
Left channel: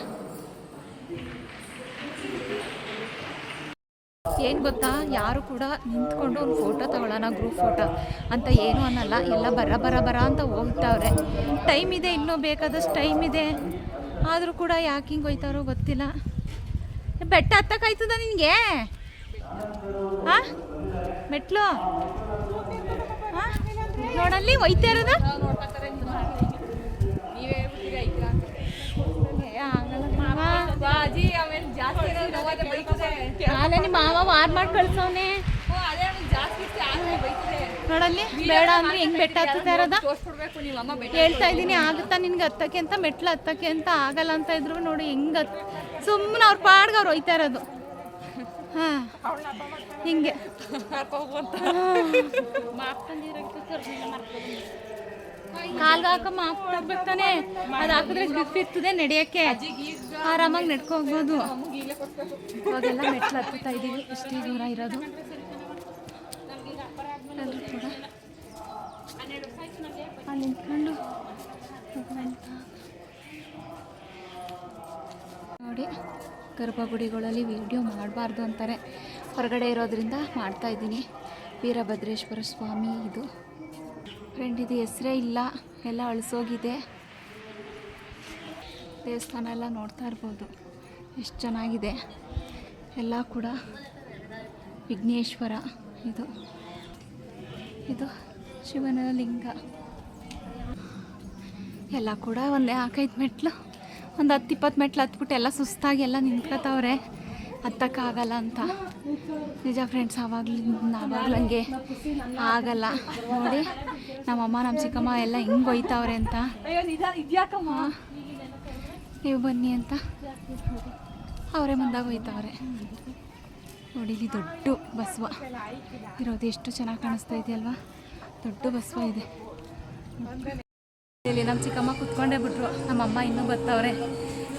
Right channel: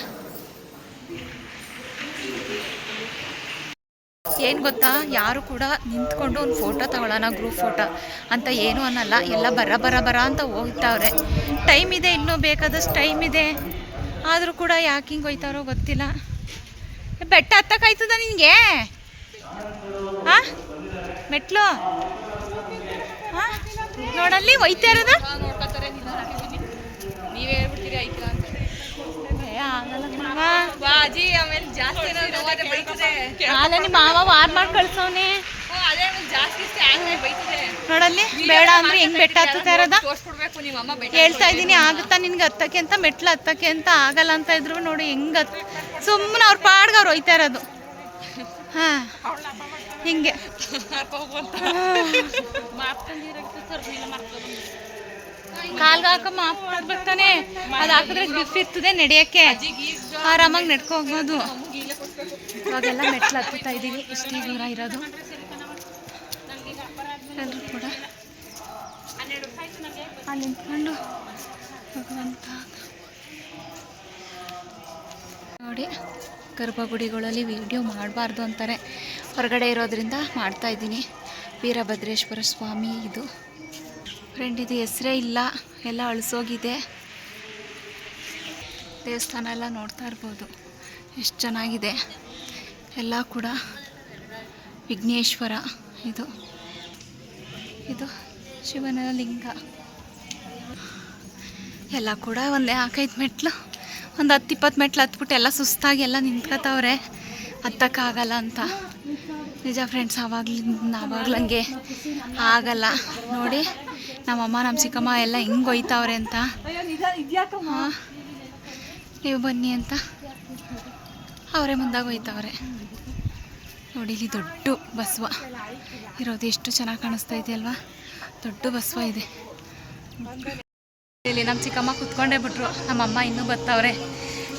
ಏನು ಗೊತ್ತಾ, ಯಾರು ಕೂಡ ನಿಂತ್ಕೊಂಡು ಒಂದು ಫೋಟೋ ತಗೊಳ್ಳೋಣ ಗ್ರೂಪ್ ಫೋಟೋ ಅಂತ ಏನೂ ಅನ್ನಲ್ಲ. ಎಲ್ಲ ಬರ ಅಂತ ಹೋಗ್ತಾವ್ರೆ. ಟೈಮ್ ಇದೆ, ಇನ್ನೂ ಬೇಕಾದಷ್ಟು ಟೈಮ್ ಇದೆ. ಆದರೂ ಕೂಡ ಯಾಕೆ ಹಿಂಗೆ ಹೋಯ್ತಾರೋ ಗೊತ್ತಿಲ್ಲ. ಬೆಟ್ಟ ಹತ್ತಕ್ಕಾಯ್ತದ ನಿನಗೆ? ಹಾಂ, ಮೆಟ್ಲು ಹಾಂ, ನೋಡಲ್ಲಿ ಹೋಯ್ತಾ ಇರೋದು. ನೀವೇ ಹೇಳ್ಬಿಡ್ತೀರಿ ಆಯ್ತಾ ಅಂತ. ಆಗಲ್ಲ ಕಣವ್ವ. ಬಾಜಿ ಆಮೇಲೆ ಜಾಸ್ತಿ ಅಲ್ಲ ನಿಮ್ಮ ಮಾವ ವಾರ್ ಮಾಡಿ ಕಳ್ಸೋನೆ. ಅದೇ ಜಾಸ್ತಿ ಆಮೇಲೆ ಬೈತದೆ. ನೋಡಲ್ಲಿ ಬೇಡ ಅಂದ್ರೆ ಹೆಂಗ್ ಬೆಟ್ಟ ಹತ್ತುತ್ತಾ ಇರೋದ ತೋರಿಸ್ಬಿಡ್ಬೇಕು ನಿಮ್ಮ ಅಮ್ಮ. ಹೇಳ್ತಾ ಇದ್ದೀನಿ, ಆಗುತ್ತಾ ನಿನ್ಗೆ ಹತ್ತಕ್ಕೆ ಅಂತ, ಮೆಟ್ಲು ಹತ್ತಕ್ಕೆ ಅಂತ ಆಗಲ್ಲ ಅಂತ ಇದ್ರು ನೋಡಿ ಹೆಂಗ್ ಸುಮ್ಮನೆ ಅವ್ರ ಪಾಡ್ಗೆ ಅವ್ರು ಹೋಯ್ತಾ ಇರೋದು. ಹಾಂ, ಹಿಂಗೆ ಕಾಲ್ಗೆ ಹಾಕ ಮಾಪ್ಬೇಕು ತಾನೆ. ಅದು ಹಾಕಿದ್ರೆ ಗ್ರಿಫ್ ಇರ್ತದೆ ನಡೆಯೋಕ್ಕೆ, ಆರಾಮಾಗಿ ನಡ್ಕೋಬೋದು. ಇವಾಗೆಲ್ಲ ಮೆಟ್ಲು ಹತ್ತುತ್ತಾ ಇದ್ದೀವಿ, ಇಷ್ಟೇ ದೂರ ಇರೋದು. ಎಲ್ಲರೂ ಕೂಡ ಅಲ್ಲಿ ನಿಂತ್ಕೊಂಡು ಭಗವಂತ ನೋಡಿ. ಗರ್ಭಗುಡಿಗಳಲ್ಲಿ ವಿಡಿಯೋ ಮಾಡಬಾರ್ದು ಅಂತಾರೆ, ಹೊರಗಡೆ ಇರೋದ್ರಿಂದ ಮಾಡ್ತಾಯಿದ್ದೀನಿ. ವೀರಭದ್ರೇಶ್ವರ ಸ್ವಾಮಿ ಇದು ಫ್ರೆಂಡ್, ಇದು ಹೆಸರೇ ಇಲ್ಲ, ಎಲ್ಲ ಅಳಿಸೋಗಿದೆ. ದೇವಸ್ಥಾನ ಎಲ್ಲ ನೋಡ್ತಾ ಇರ್ಬೋದು ಎಷ್ಟು ಚೆನ್ನಾಗಿದೆ. ಎಲ್ಲ ಕೂಡ ವಿಘ್ನೇಶ್ವರ ಇದು ಶಿವನ ಲಿಂಗ. ಎಲ್ಲ ಕೂಡ ಒಂದೇ 4-5 ಮೆಟ್ಲು, ಒಂದು 10-20 ಮೆಟ್ಲು ಹತ್ಬಿಟ್ಟು ಎಲ್ಲ ಸುಸ್ತಾಗಿ ಎಲ್ಲ ನಿಂತ್ಕೋತಾವ್ರೆ, ಹತ್ತಕ್ಕಾಗಲ್ಲ ಅಂತ. ನಿಜ ಫ್ರೆಂಡ್ಸ್, ಆವಾಗ್ಲಂಗೆ ಆಗಲ್ಲ ನೋಡಿ. ನಮ್ಮಮ್ಮ ನಮ್ಮ ಚಿಕ್ಕಮ್ಮ ಎಲ್ಲ ಹಿಂಗೆ ಒಯ್ತಾವ್ರೆ ಅಂತ. ಹಾಂ, ನೀವು ಬನ್ನಿ ಅಂತ ಅವರೇ ಮುಂದಾಗಿ ಒಯ್ತಾವ್ರೆ ನೋಡಿ. ಇಲ್ಲಿ ದೊಡ್ಡ ಬಸವ ಇರೋದು ಎಷ್ಟು ಚೆನ್ನಾಗಿ ಕಾಣಿಸ್ತಾ ಇದೆಯಲ್ವಾ, ದೊಡ್ಡ ಬಸವ ಇದೆ ಇಲ್ಲಿ. ನಮ್ಮ ಚಿಕ್ಕಮ್ಮ ಕುತ್ಕೊಂಡೇ ಬಿಟ್ರು, ನಮ್ಮಮ್ಮ ಇನ್ನೂ ಬರ್ತಾವ್ರೆ.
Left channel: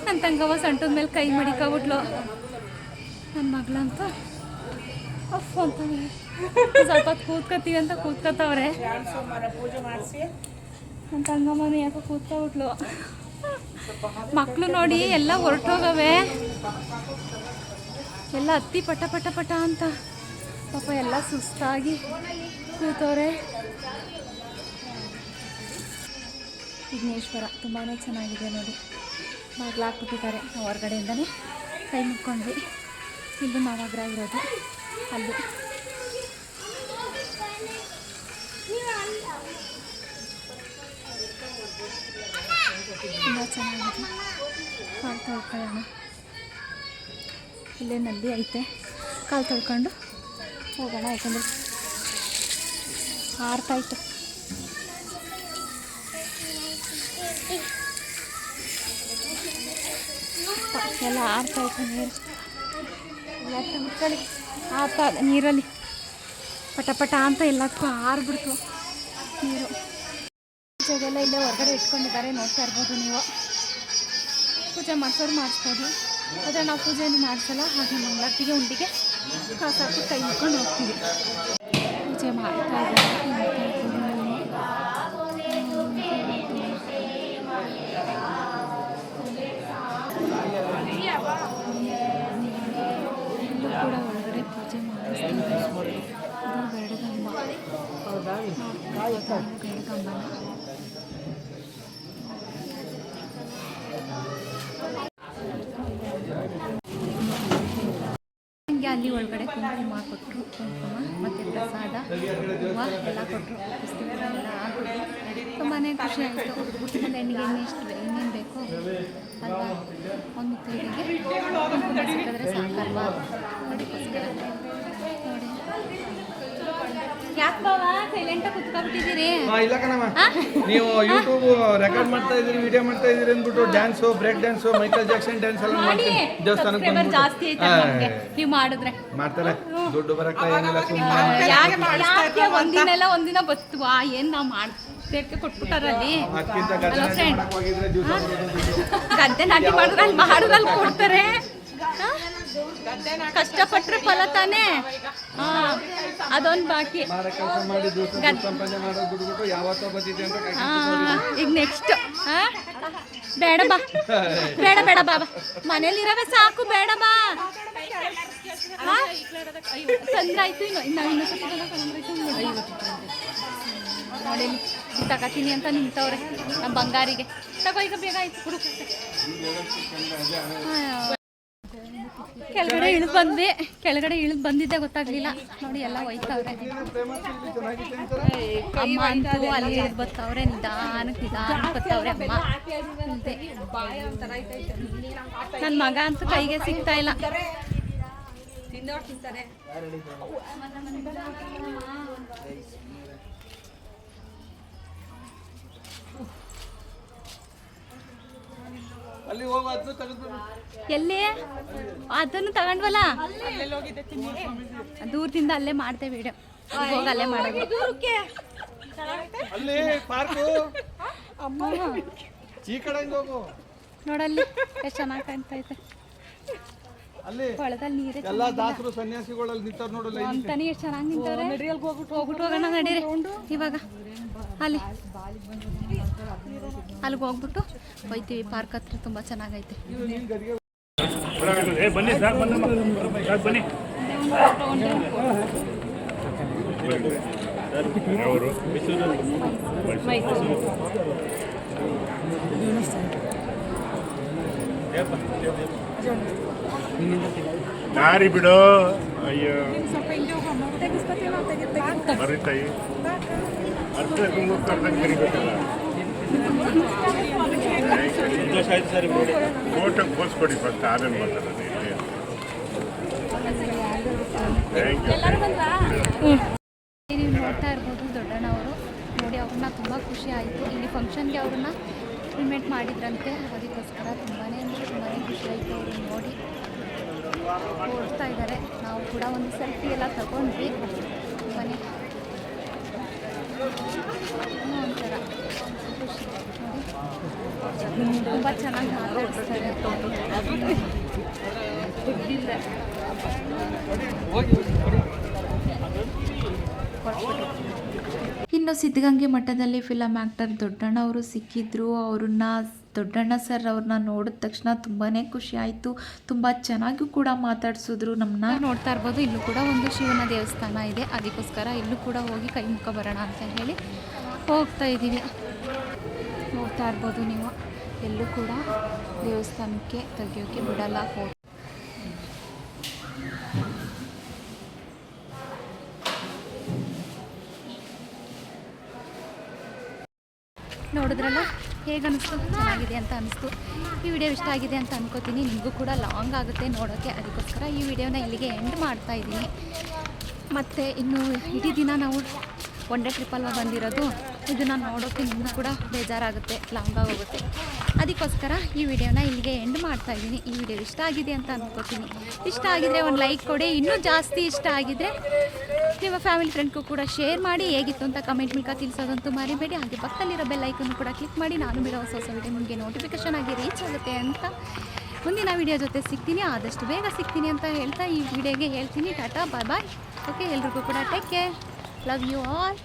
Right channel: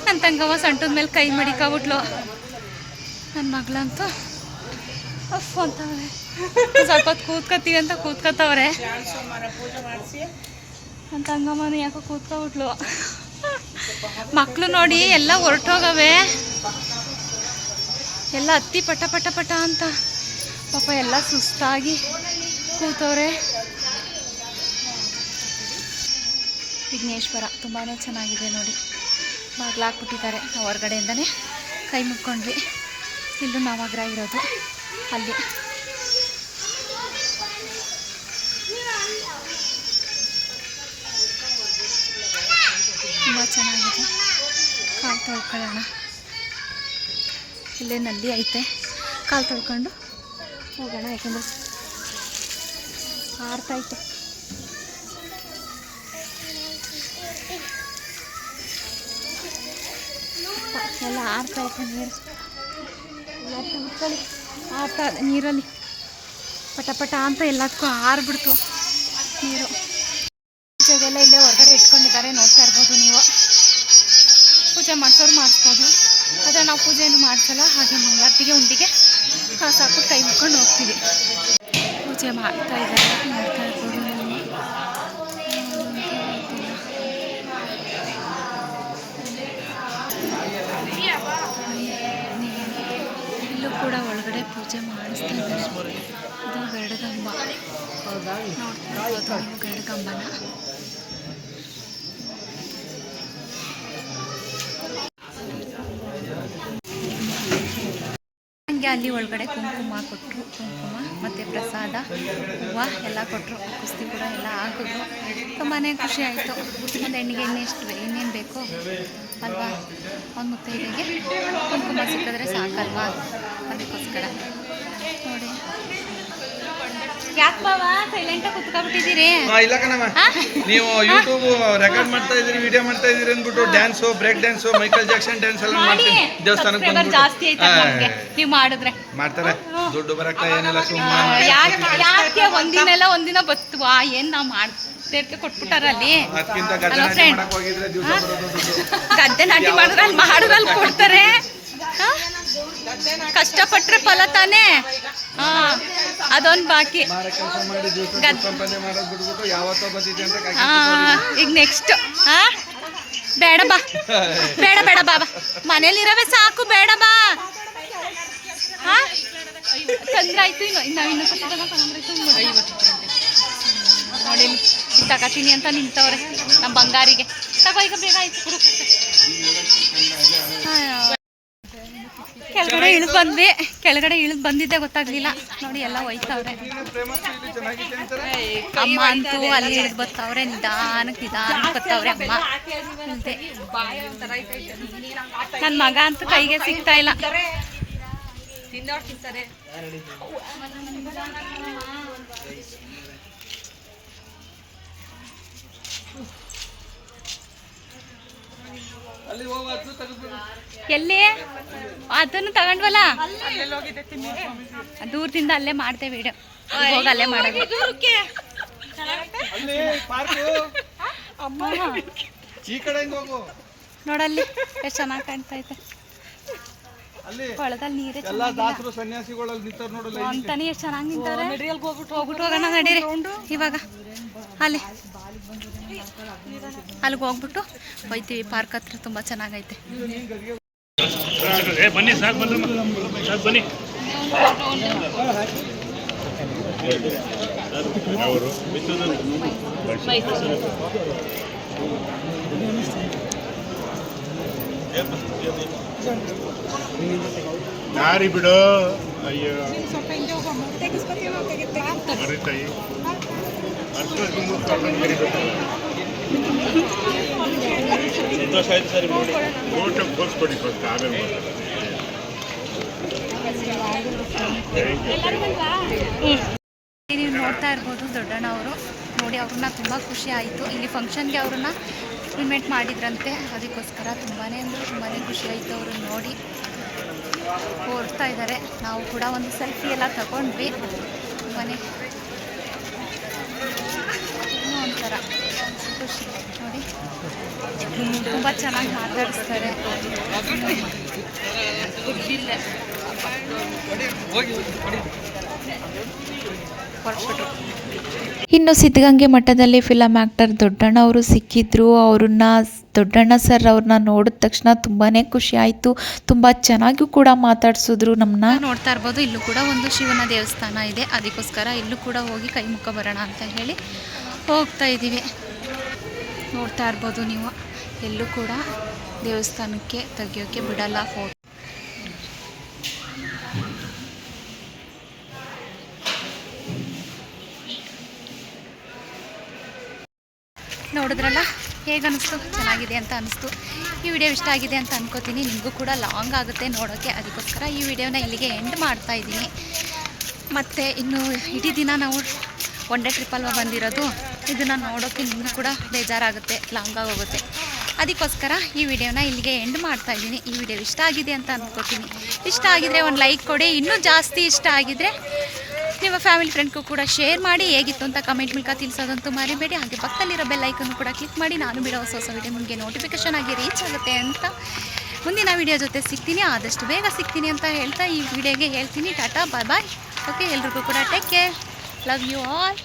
ನನ್ನ ತಂಗವ್ವ ಸೊಂಟದ ಮೇಲೆ ಕೈ ಮಡಿಕೊಬಿಟ್ಲು. ನನ್ನ ಮಗಳಂತೂ ಅಫ್ ಅಂತವ್ರೆ, ಸ್ವಲ್ಪ ಹೊತ್ತು ಕೂತ್ಕೊತೀವಿ ಅಂತ ಕೂತ್ಕೊತವ್ರೆ. ನನ್ನ ತಂಗಮ್ಮನೂ ಯಾಕೋ ಕೂತ್ಕೊಬಿಟ್ಲು. ಮಕ್ಕಳು ನೋಡಿ ಎಲ್ಲ ಹೊರಟೋಗವೆ, ಎಲ್ಲ ಹತ್ತಿ ಪಟ ಅಂತ ಪಾಪ ಎಲ್ಲ ಸುಸ್ತಾಗಿ ಕೂತವ್ರೆ. ವಿಘ್ನೇಶ್ವರ ತುಂಬಾ ಚೆನ್ನಾಗಿದೆ ನೋಡಿ. ಬಾಗಿಲಾಕ್ಬಿಟ್ಟಿದ್ದಾರೆ, ನಾವು ಹೊರಗಡೆಯಿಂದನೇ ಕೈ ಮುಕ್ಕೊಂಡ್ವಿ. ಇಲ್ಲೂ ನವಗ್ರ ಇರೋದು ಅಲ್ಲಿ. ತುಂಬ ಚೆನ್ನಾಗಿದೆ. ಕಾಲು ತೊಳ್ಕೊಳ್ಳೋಣ, ಇಲ್ಲೇ ನಲ್ಲಿ ಐತೆ, ಕಾಲು ತೊಳ್ಕೊಂಡು ಹೋಗೋಣ. ಯಾಕಂದರೆ ಆರ್ತಾಯ್ತು. ಎಲ್ಲ ಆರ್ತಾಯ್ತು ನೀರು, ಎಲ್ಲ ಉಟ್ಕೊಳ್ಳಿ. ಆರ್ತಾ ನೀರಲ್ಲಿ ಪಟ ಅಂತ ಎಲ್ಲದಕ್ಕೂ ಆರ್ಬಿಡ್ತು ನೀರು. ಪೂಜೆಗೆಲ್ಲ ಇಲ್ಲೇ ಹೊರಗಡೆ ಇಟ್ಕೊಂಡಿದ್ದಾರೆ, ನೋಡ್ತಾ ಇರ್ಬೋದು ನೀವು. ಪೂಜೆ ಮಾಡಿಸೋರು ಮಾಡಿಸ್ಬೋದು, ಆದರೆ ನಾವು ಪೂಜೆಯನ್ನು ಮಾಡಿಸಲ್ಲ. ಹಾಗೆ ಮಂಗಳಾರತಿಗೆ ಉಂಡಿಗೆ ಕಾಸು ಹಾಕ್ಬಿಟ್ಟು ಕೈ ಮುಕ್ಕೊಂಡು ಹೋಗ್ತೀವಿ. ಪೂಜೆ ಮಾಡ್ತಾ ಇದ್ದಾರೆ, ನೋಡ್ತಾ ಇರ್ಬೋದು ನೀವು. ಇಲ್ಲೂ ಕೂಡ ಒಳಗಡೆ ಪೂಜೆ ಮಾಡಿಸ್ತಾ ಇದ್ದಾರೆ. ಇದು ಗರುಡಗಂಬ, ನೋಡ್ತಾ ಇರ್ಬೋದು ನೀವು ಗರುಡಗಂಬನ. ಹಂಗೆ ಅಲ್ಲಿ ಒಳಗಡೆ ಕುಂಕುಮ ಕೊಟ್ಟರು, ಕುಂಕುಮ ಮತ್ತು ಪ್ರಸಾದ, ಹೂವು ಎಲ್ಲ ಕೊಟ್ಟರು. ಕುಸ್ತಿ ಕೂಡ ಎಲ್ಲ ಹಾಕಿದ್ರು. ತುಂಬಾ ಖುಷಿ ಆಯಿತು. ಒಂದು ಹೆಣ್ಣಿಗೆ ಇನ್ನೇನು ಬೇಕೋ ಅಲ್ವಾ, ಒಂದು ಮುತ್ತೈದೆಗೆ ಕುಂಕುಮ ಸಿಕ್ಕಿದ್ರೆ ಸಾಕಲ್ವಾ, ಅದಕ್ಕೋಸ್ಕರ ನೋಡಿ. ಯಾಕೆ ಬಾವ ಸೈಲೆಂಟಾಗಿ ಕುತ್ಕೊಬಿಟ್ಟಿದ್ದೀರಿ? ಇಲ್ಲ ಕಣಮ್ಮ, ನೀವು ಯೂಟ್ಯೂಬ್ ರೆಕಾರ್ಡ್ ಮಾಡ್ತಾ ಇದ್ದೀರಿ, ವಿಡಿಯೋ ಮಾಡ್ತಾ ಇದ್ದೀರಿ ಅಂದ್ಬಿಟ್ಟು dance, break dance, Michael Jackson dance ಎಲ್ಲ ಮಾಡ್ತೀನಿ ದೇವಸ್ಥಾನಕ್ಕೆ ಬಂದ್ಬಿಟ್ಟು. ಜಾಸ್ತಿ ಆಯ್ತು ನೀವು ಮಾಡಿದ್ರೆ. ಮಾಡ್ತಾರೆ, ದುಡ್ಡು ಬರಕ್ಕ ಏನಿಲ್ಲ, ಸುಮ್ಮನೆ ಯಾಕೆ ಒಂದಿನ ಬತ್ತುವಾ, ಏನು ನಾವು ರೇಟ್ಗೆ ಕೊಟ್ಬಿಟ್ಟಾರ ಅಲ್ಲಿ. ಅದಕ್ಕಿಂತ Hello ಗದ್ದೆನಾಟಿ friend. ಮಾಡಕ್ ಹೋಗಿದ್ರೆ ದಿವಸ ಬರೋದು. ಗದ್ದೆ ನಾಟಿ ಮಾಡಿದ್ರೆ ಅಲ್ಲಿ ಮಾಡಿದ್ರಲ್ಲಿ ಕೊಡ್ತಾರೆ. ಹಾ? ಕಷ್ಟಪಟ್ರೆ ಫಲ ತಾನೇ. ಹಾ ಅದೊಂದು ಬಾಕಿ. ಮಾರ ಕೆಲಸ ಮಾಡಿ ದಿವಸ ಸಂಪಾದನೆ ಮಾಡೋದು ಬಿಟ್ಬಿಟ್ಟು ಯಾವತ್ತೋ ಬಂದಿದೆ ಅಂತ ಕಾಯ್ಕೊಂಡು ಹಾ ಈಗ ನೆಕ್ಸ್ಟ್ ಹಾ ಬೇಡ ಬಾ ಬೇಡ ಬೇಡ ಬಾಬಾ ಮನೇಲಿರವೇ ಸಾಕು ಬೇಡ ಬಾ. ಹಾ ತೊಂದ್ರೆ ಆಯ್ತು. ಇನ್ನು ನೋಡಿ ಇಲ್ಲಿ ತಗೋತೀನಿ ಅಂತ ನಿಂತವ್ರೆ ನಮ್ಮ ಬಂಗಾರಿಗೆ. ತಗೋ ಈಗ ಬೇಗ ಆಯ್ತು ಹುಡು. ಕೆಳಗಡೆ ಇಳಿದು ಬಂದ್ವಿ. ಕೆಳಗಡೆ ಇಳಿದು ಬಂದಿದ್ದೆ ಗೊತ್ತಾಗ್ಲಿಲ್ಲ. ನೋಡಿ ಎಲ್ಲ ಹೋಯ್ತವ್ರೆ. ಚೆನ್ನಾಗಿದೆ ಅಂತಾರೆ. ಅಮ್ಮ ಅಂತೂ ಅಲ್ಲಿ ಇಳಿದು ಬರ್ತಾವ್ರೆ. ನಿಧಾನಕ್ಕೆ ಬರ್ತಾವ್ರೆ ಅಮ್ಮ. ನನ್ನ ಮಗ ಅಂತೂ ಕೈಗೆ ಸಿಗ್ತಾ ಇಲ್ಲ. ಅಲ್ಲಿ ಹೋಗಿ ಅದನ್ನು ತೆಗೆದು ಎಲ್ಲಿ ಅದನ್ನು ತಗೊಂಡ್ವಲ್ಲ ದೂರದಿಂದ ಅಲ್ಲೇ ಮಾಡ್ತೇವೆ ವಿಡಿಯೋ. ಹೋಗಿ ಅಲ್ಲೇ ಮಾಡೋದು. ಅಲ್ಲಿ ಪಾರ್ಕ್ ಈ ಕಡೆ ಹೋಗು. ನೋಡಲ್ಲಿ ಎಷ್ಟು ಚೆನ್ನಾಗಿ ಕಾಣ್ತಾ ಐತೆ. ಅಲ್ಲಿ ಕೊಳದಲ್ಲಿ ನೀರೇ ಎಲ್ಲ ಚೆನ್ನಾಗಿಲ್ಲ ದಾಸರು ಸನ್ಯಾಸಿಗಳಲ್ಲಿ ನಿಂತವ್ರು ನೋಡಲ್ಲ. ಅಂತಾನೆ ಎಷ್ಟು ಚೆನ್ನಾಗಿ ನಿಂತವ್ರೆ. ಹೋಗ್ಬಿಟ್ಟು ಹೋಗೋಣ ನಡೀರಿ ಇವಾಗ. ಅಲ್ಲಿಗೆ ಹೋಗ್ಬಿಟ್ಟು ಹೋಯ್ತೀವಿ. ಪಾರ್ಕ್ ಹತ್ರ ತುಂಬ ಚೆನ್ನಾಗೈತೆ. ಬನ್ನಿ ಸಾಕು ಬನ್ನಿ ಅವರು ದಾರಿ ಬಿಡು. ಅಯ್ಯೋ ಮರಿತಾಯಿ ಅರ್ಥ ಸಂತೋಷ ಆಯ್ತು ಸರ್. ಫೋಟೋ ಬೋಲ್ಸ್ಕೊಡಿ ಫಸ್ಟ್, ಆಮೇಲೆ ಮಾತಾಡೋದು. ನೀವು ನೋಡ್ತಾ ಇರ್ಬೋದು ದೊಡ್ಡಣ್ಣ ಅವರು. ನೋಡಿ ಅವ್ರನ್ನ ತುಂಬ ಖುಷಿ ಆಯಿತು. ಇಲ್ಲಿ ಫಂಕ್ಷನ್ಗೆ ಅವ್ರನ್ನ ಇನ್ವೈಟ್ ಮಾಡಿದ್ರಂತೆ. ಅದಕ್ಕೋಸ್ಕರ ತುಂಬಾ ಅಂದರೆ ತುಂಬಾ ಖುಷಿ ಆಯಿತು ಅವ್ರನ್ನ ನೋಡಿ. ತೋರಿಸ್ತಾ ಇದ್ದಾರೆ. ನಾವು ಕೂಡ ಒಂದು ಸೆಲ್ಫಿ ಎಲ್ಲ ತಗೊಂಡ್ವಿ. ತುಂಬಾ ಏನೋ ಒಂಥರ ಖುಷಿ ನೋಡಿ. ತುಂಬ ಚೆನ್ನಾಗಿ ಮಾತಾಡಿಸ್ತಾರೆ. ಹೊರಟ್ಬಿಟ್ರು. ಇನ್ನು ಸಿದ್ಧಗಂಗೆ ಮಠದಲ್ಲಿ ಫಿಲಮ್ ಆ್ಯಕ್ಟರ್ ದೊಡ್ಡಣ್ಣ ಅವರು ಸಿಕ್ಕಿದ್ರು. ದೊಡ್ಡಣ್ಣ ಸರ್ ಅವ್ರನ್ನ ನೋಡಿದ ತಕ್ಷಣ ತುಂಬಾ ಖುಷಿ ಆಯಿತು. ತುಂಬ ಚೆನ್ನಾಗೂ ಕೂಡ ಮಾತಾಡ್ಸಿದ್ರು ನಮ್ಮನ್ನ. ನೋಡ್ತಾ ಇರ್ಬೋದು ಇಲ್ಲೂ ಕೂಡ ಒಂದು ಶಿವನ ದೇವಸ್ಥಾನ ಇದೆ. ಅದಕ್ಕೋಸ್ಕರ ಇಲ್ಲೂ ಕೂಡ ಹೋಗಿ ಕೈ ಮುಖ ಬರೋಣ ಅಂತ ಹೇಳಿ ಹೋಗ್ತಾ ಇದ್ದೀವಿ. ನೋಡ್ತಾ ಇರ್ಬೋದು ನೀವು ಎಲ್ಲೂ ಕೂಡ ದೇವಸ್ಥಾನಕ್ಕೆ ತೆಗಿಯೋಕ್ಕೆ ಬಿಡಲ್ಲ ಫೋಟೋ. ನೋಡಿದ್ರಲ್ಲ ಹೇಗೆ ಅನ್ನಿಸ್ತು? ಚೆನ್ನಾಗಿದೆ ಅಂತ ಅನ್ನಿಸ್ತು. ಈ ವಿಡಿಯೋ ಇಷ್ಟ ಆಗಿದೆ ಅಂತ ಅನ್ಕೋತೀನಿ. ನಿಮಗೂ ಕೂಡ ಲಾಂಗ್ ಆಗುತ್ತೆ ನೋಡೋಕ್ಕೆ. ಅದಕ್ಕೋಸ್ಕರ ಈ ವಿಡಿಯೋನ ಇಲ್ಲಿಗೆ ಎಂಡ್ ಮಾಡ್ತಾ ಇದ್ದೀನಿ. ಮತ್ತು ಇನ್ನು ಇಡೀ ದಿನ ನಾವು ಒನ್ ಡೇ ಟ್ರಿಪ್ ಅಲ್ವಾ ಬಂದಿರೋದು. ಇದನ್ನು ನೋಡೋಕ್ಕೆ ನಿಮಗೂ ಕೂಡ ಬೇಜಾರಾಗುತ್ತೆ, ಲಾಂಗ್ ಆಗೋಗುತ್ತೆ. ಅದಕ್ಕೋಸ್ಕರ ಈ ವಿಡಿಯೋನ ಇಲ್ಲಿಗೆ ಎಂಡ್ ಮಾಡ್ತಾ ಇದ್ದೀನಿ. ಈ ವಿಡಿಯೋ ಇಷ್ಟ ಆಗಿದೆ ಅಂತ ಅಂದ್ಕೋತೀನಿ. ಇಷ್ಟ ಆಗಿದರೆ ಒಂದು ಲೈಕ್ ಕೊಡಿ. ಇನ್ನೂ ಜಾಸ್ತಿ ಇಷ್ಟ ಆಗಿದರೆ ನಿಮ್ಮ ಫ್ಯಾಮಿಲಿ ಫ್ರೆಂಡ್ಗೂ ಕೂಡ ಶೇರ್ ಮಾಡಿ. ಹೇಗಿತ್ತು ಅಂತ ಕಮೆಂಟ್ ಮೂಲಕ ತಿಳಿಸೋದಂತೂ ಮರಿಬೇಡಿ. ಹಾಗೆ ಪಕ್ಕದಲ್ಲಿರೋ ಬೆಲ್ ಐಕನ್ನು ಕೂಡ ಕ್ಲಿಕ್ ಮಾಡಿ. ನಾನು ಬಿಡೋ ಹೊಸ ವಿಡಿಯೋ ನಿಮಗೆ ನೋಟಿಫಿಕೇಷನ್ ಆಗಿ ರೀಚ್ ಆಗುತ್ತೆ ಅಂತ. ಮುಂದಿನ ವಿಡಿಯೋ ಜೊತೆ ಸಿಗ್ತೀನಿ, ಆದಷ್ಟು ಬೇಗ ಸಿಗ್ತೀನಿ ಅಂತ ಹೇಳ್ತಾ ಈ ವಿಡಿಯೋಗೆ ಹೇಳ್ತೀನಿ ಟಾಟಾ ಬಾಯ್ ಬಾಯ್. ಓಕೆ, ಎಲ್ರಿಗೂ ಕೂಡ take care. Love you all.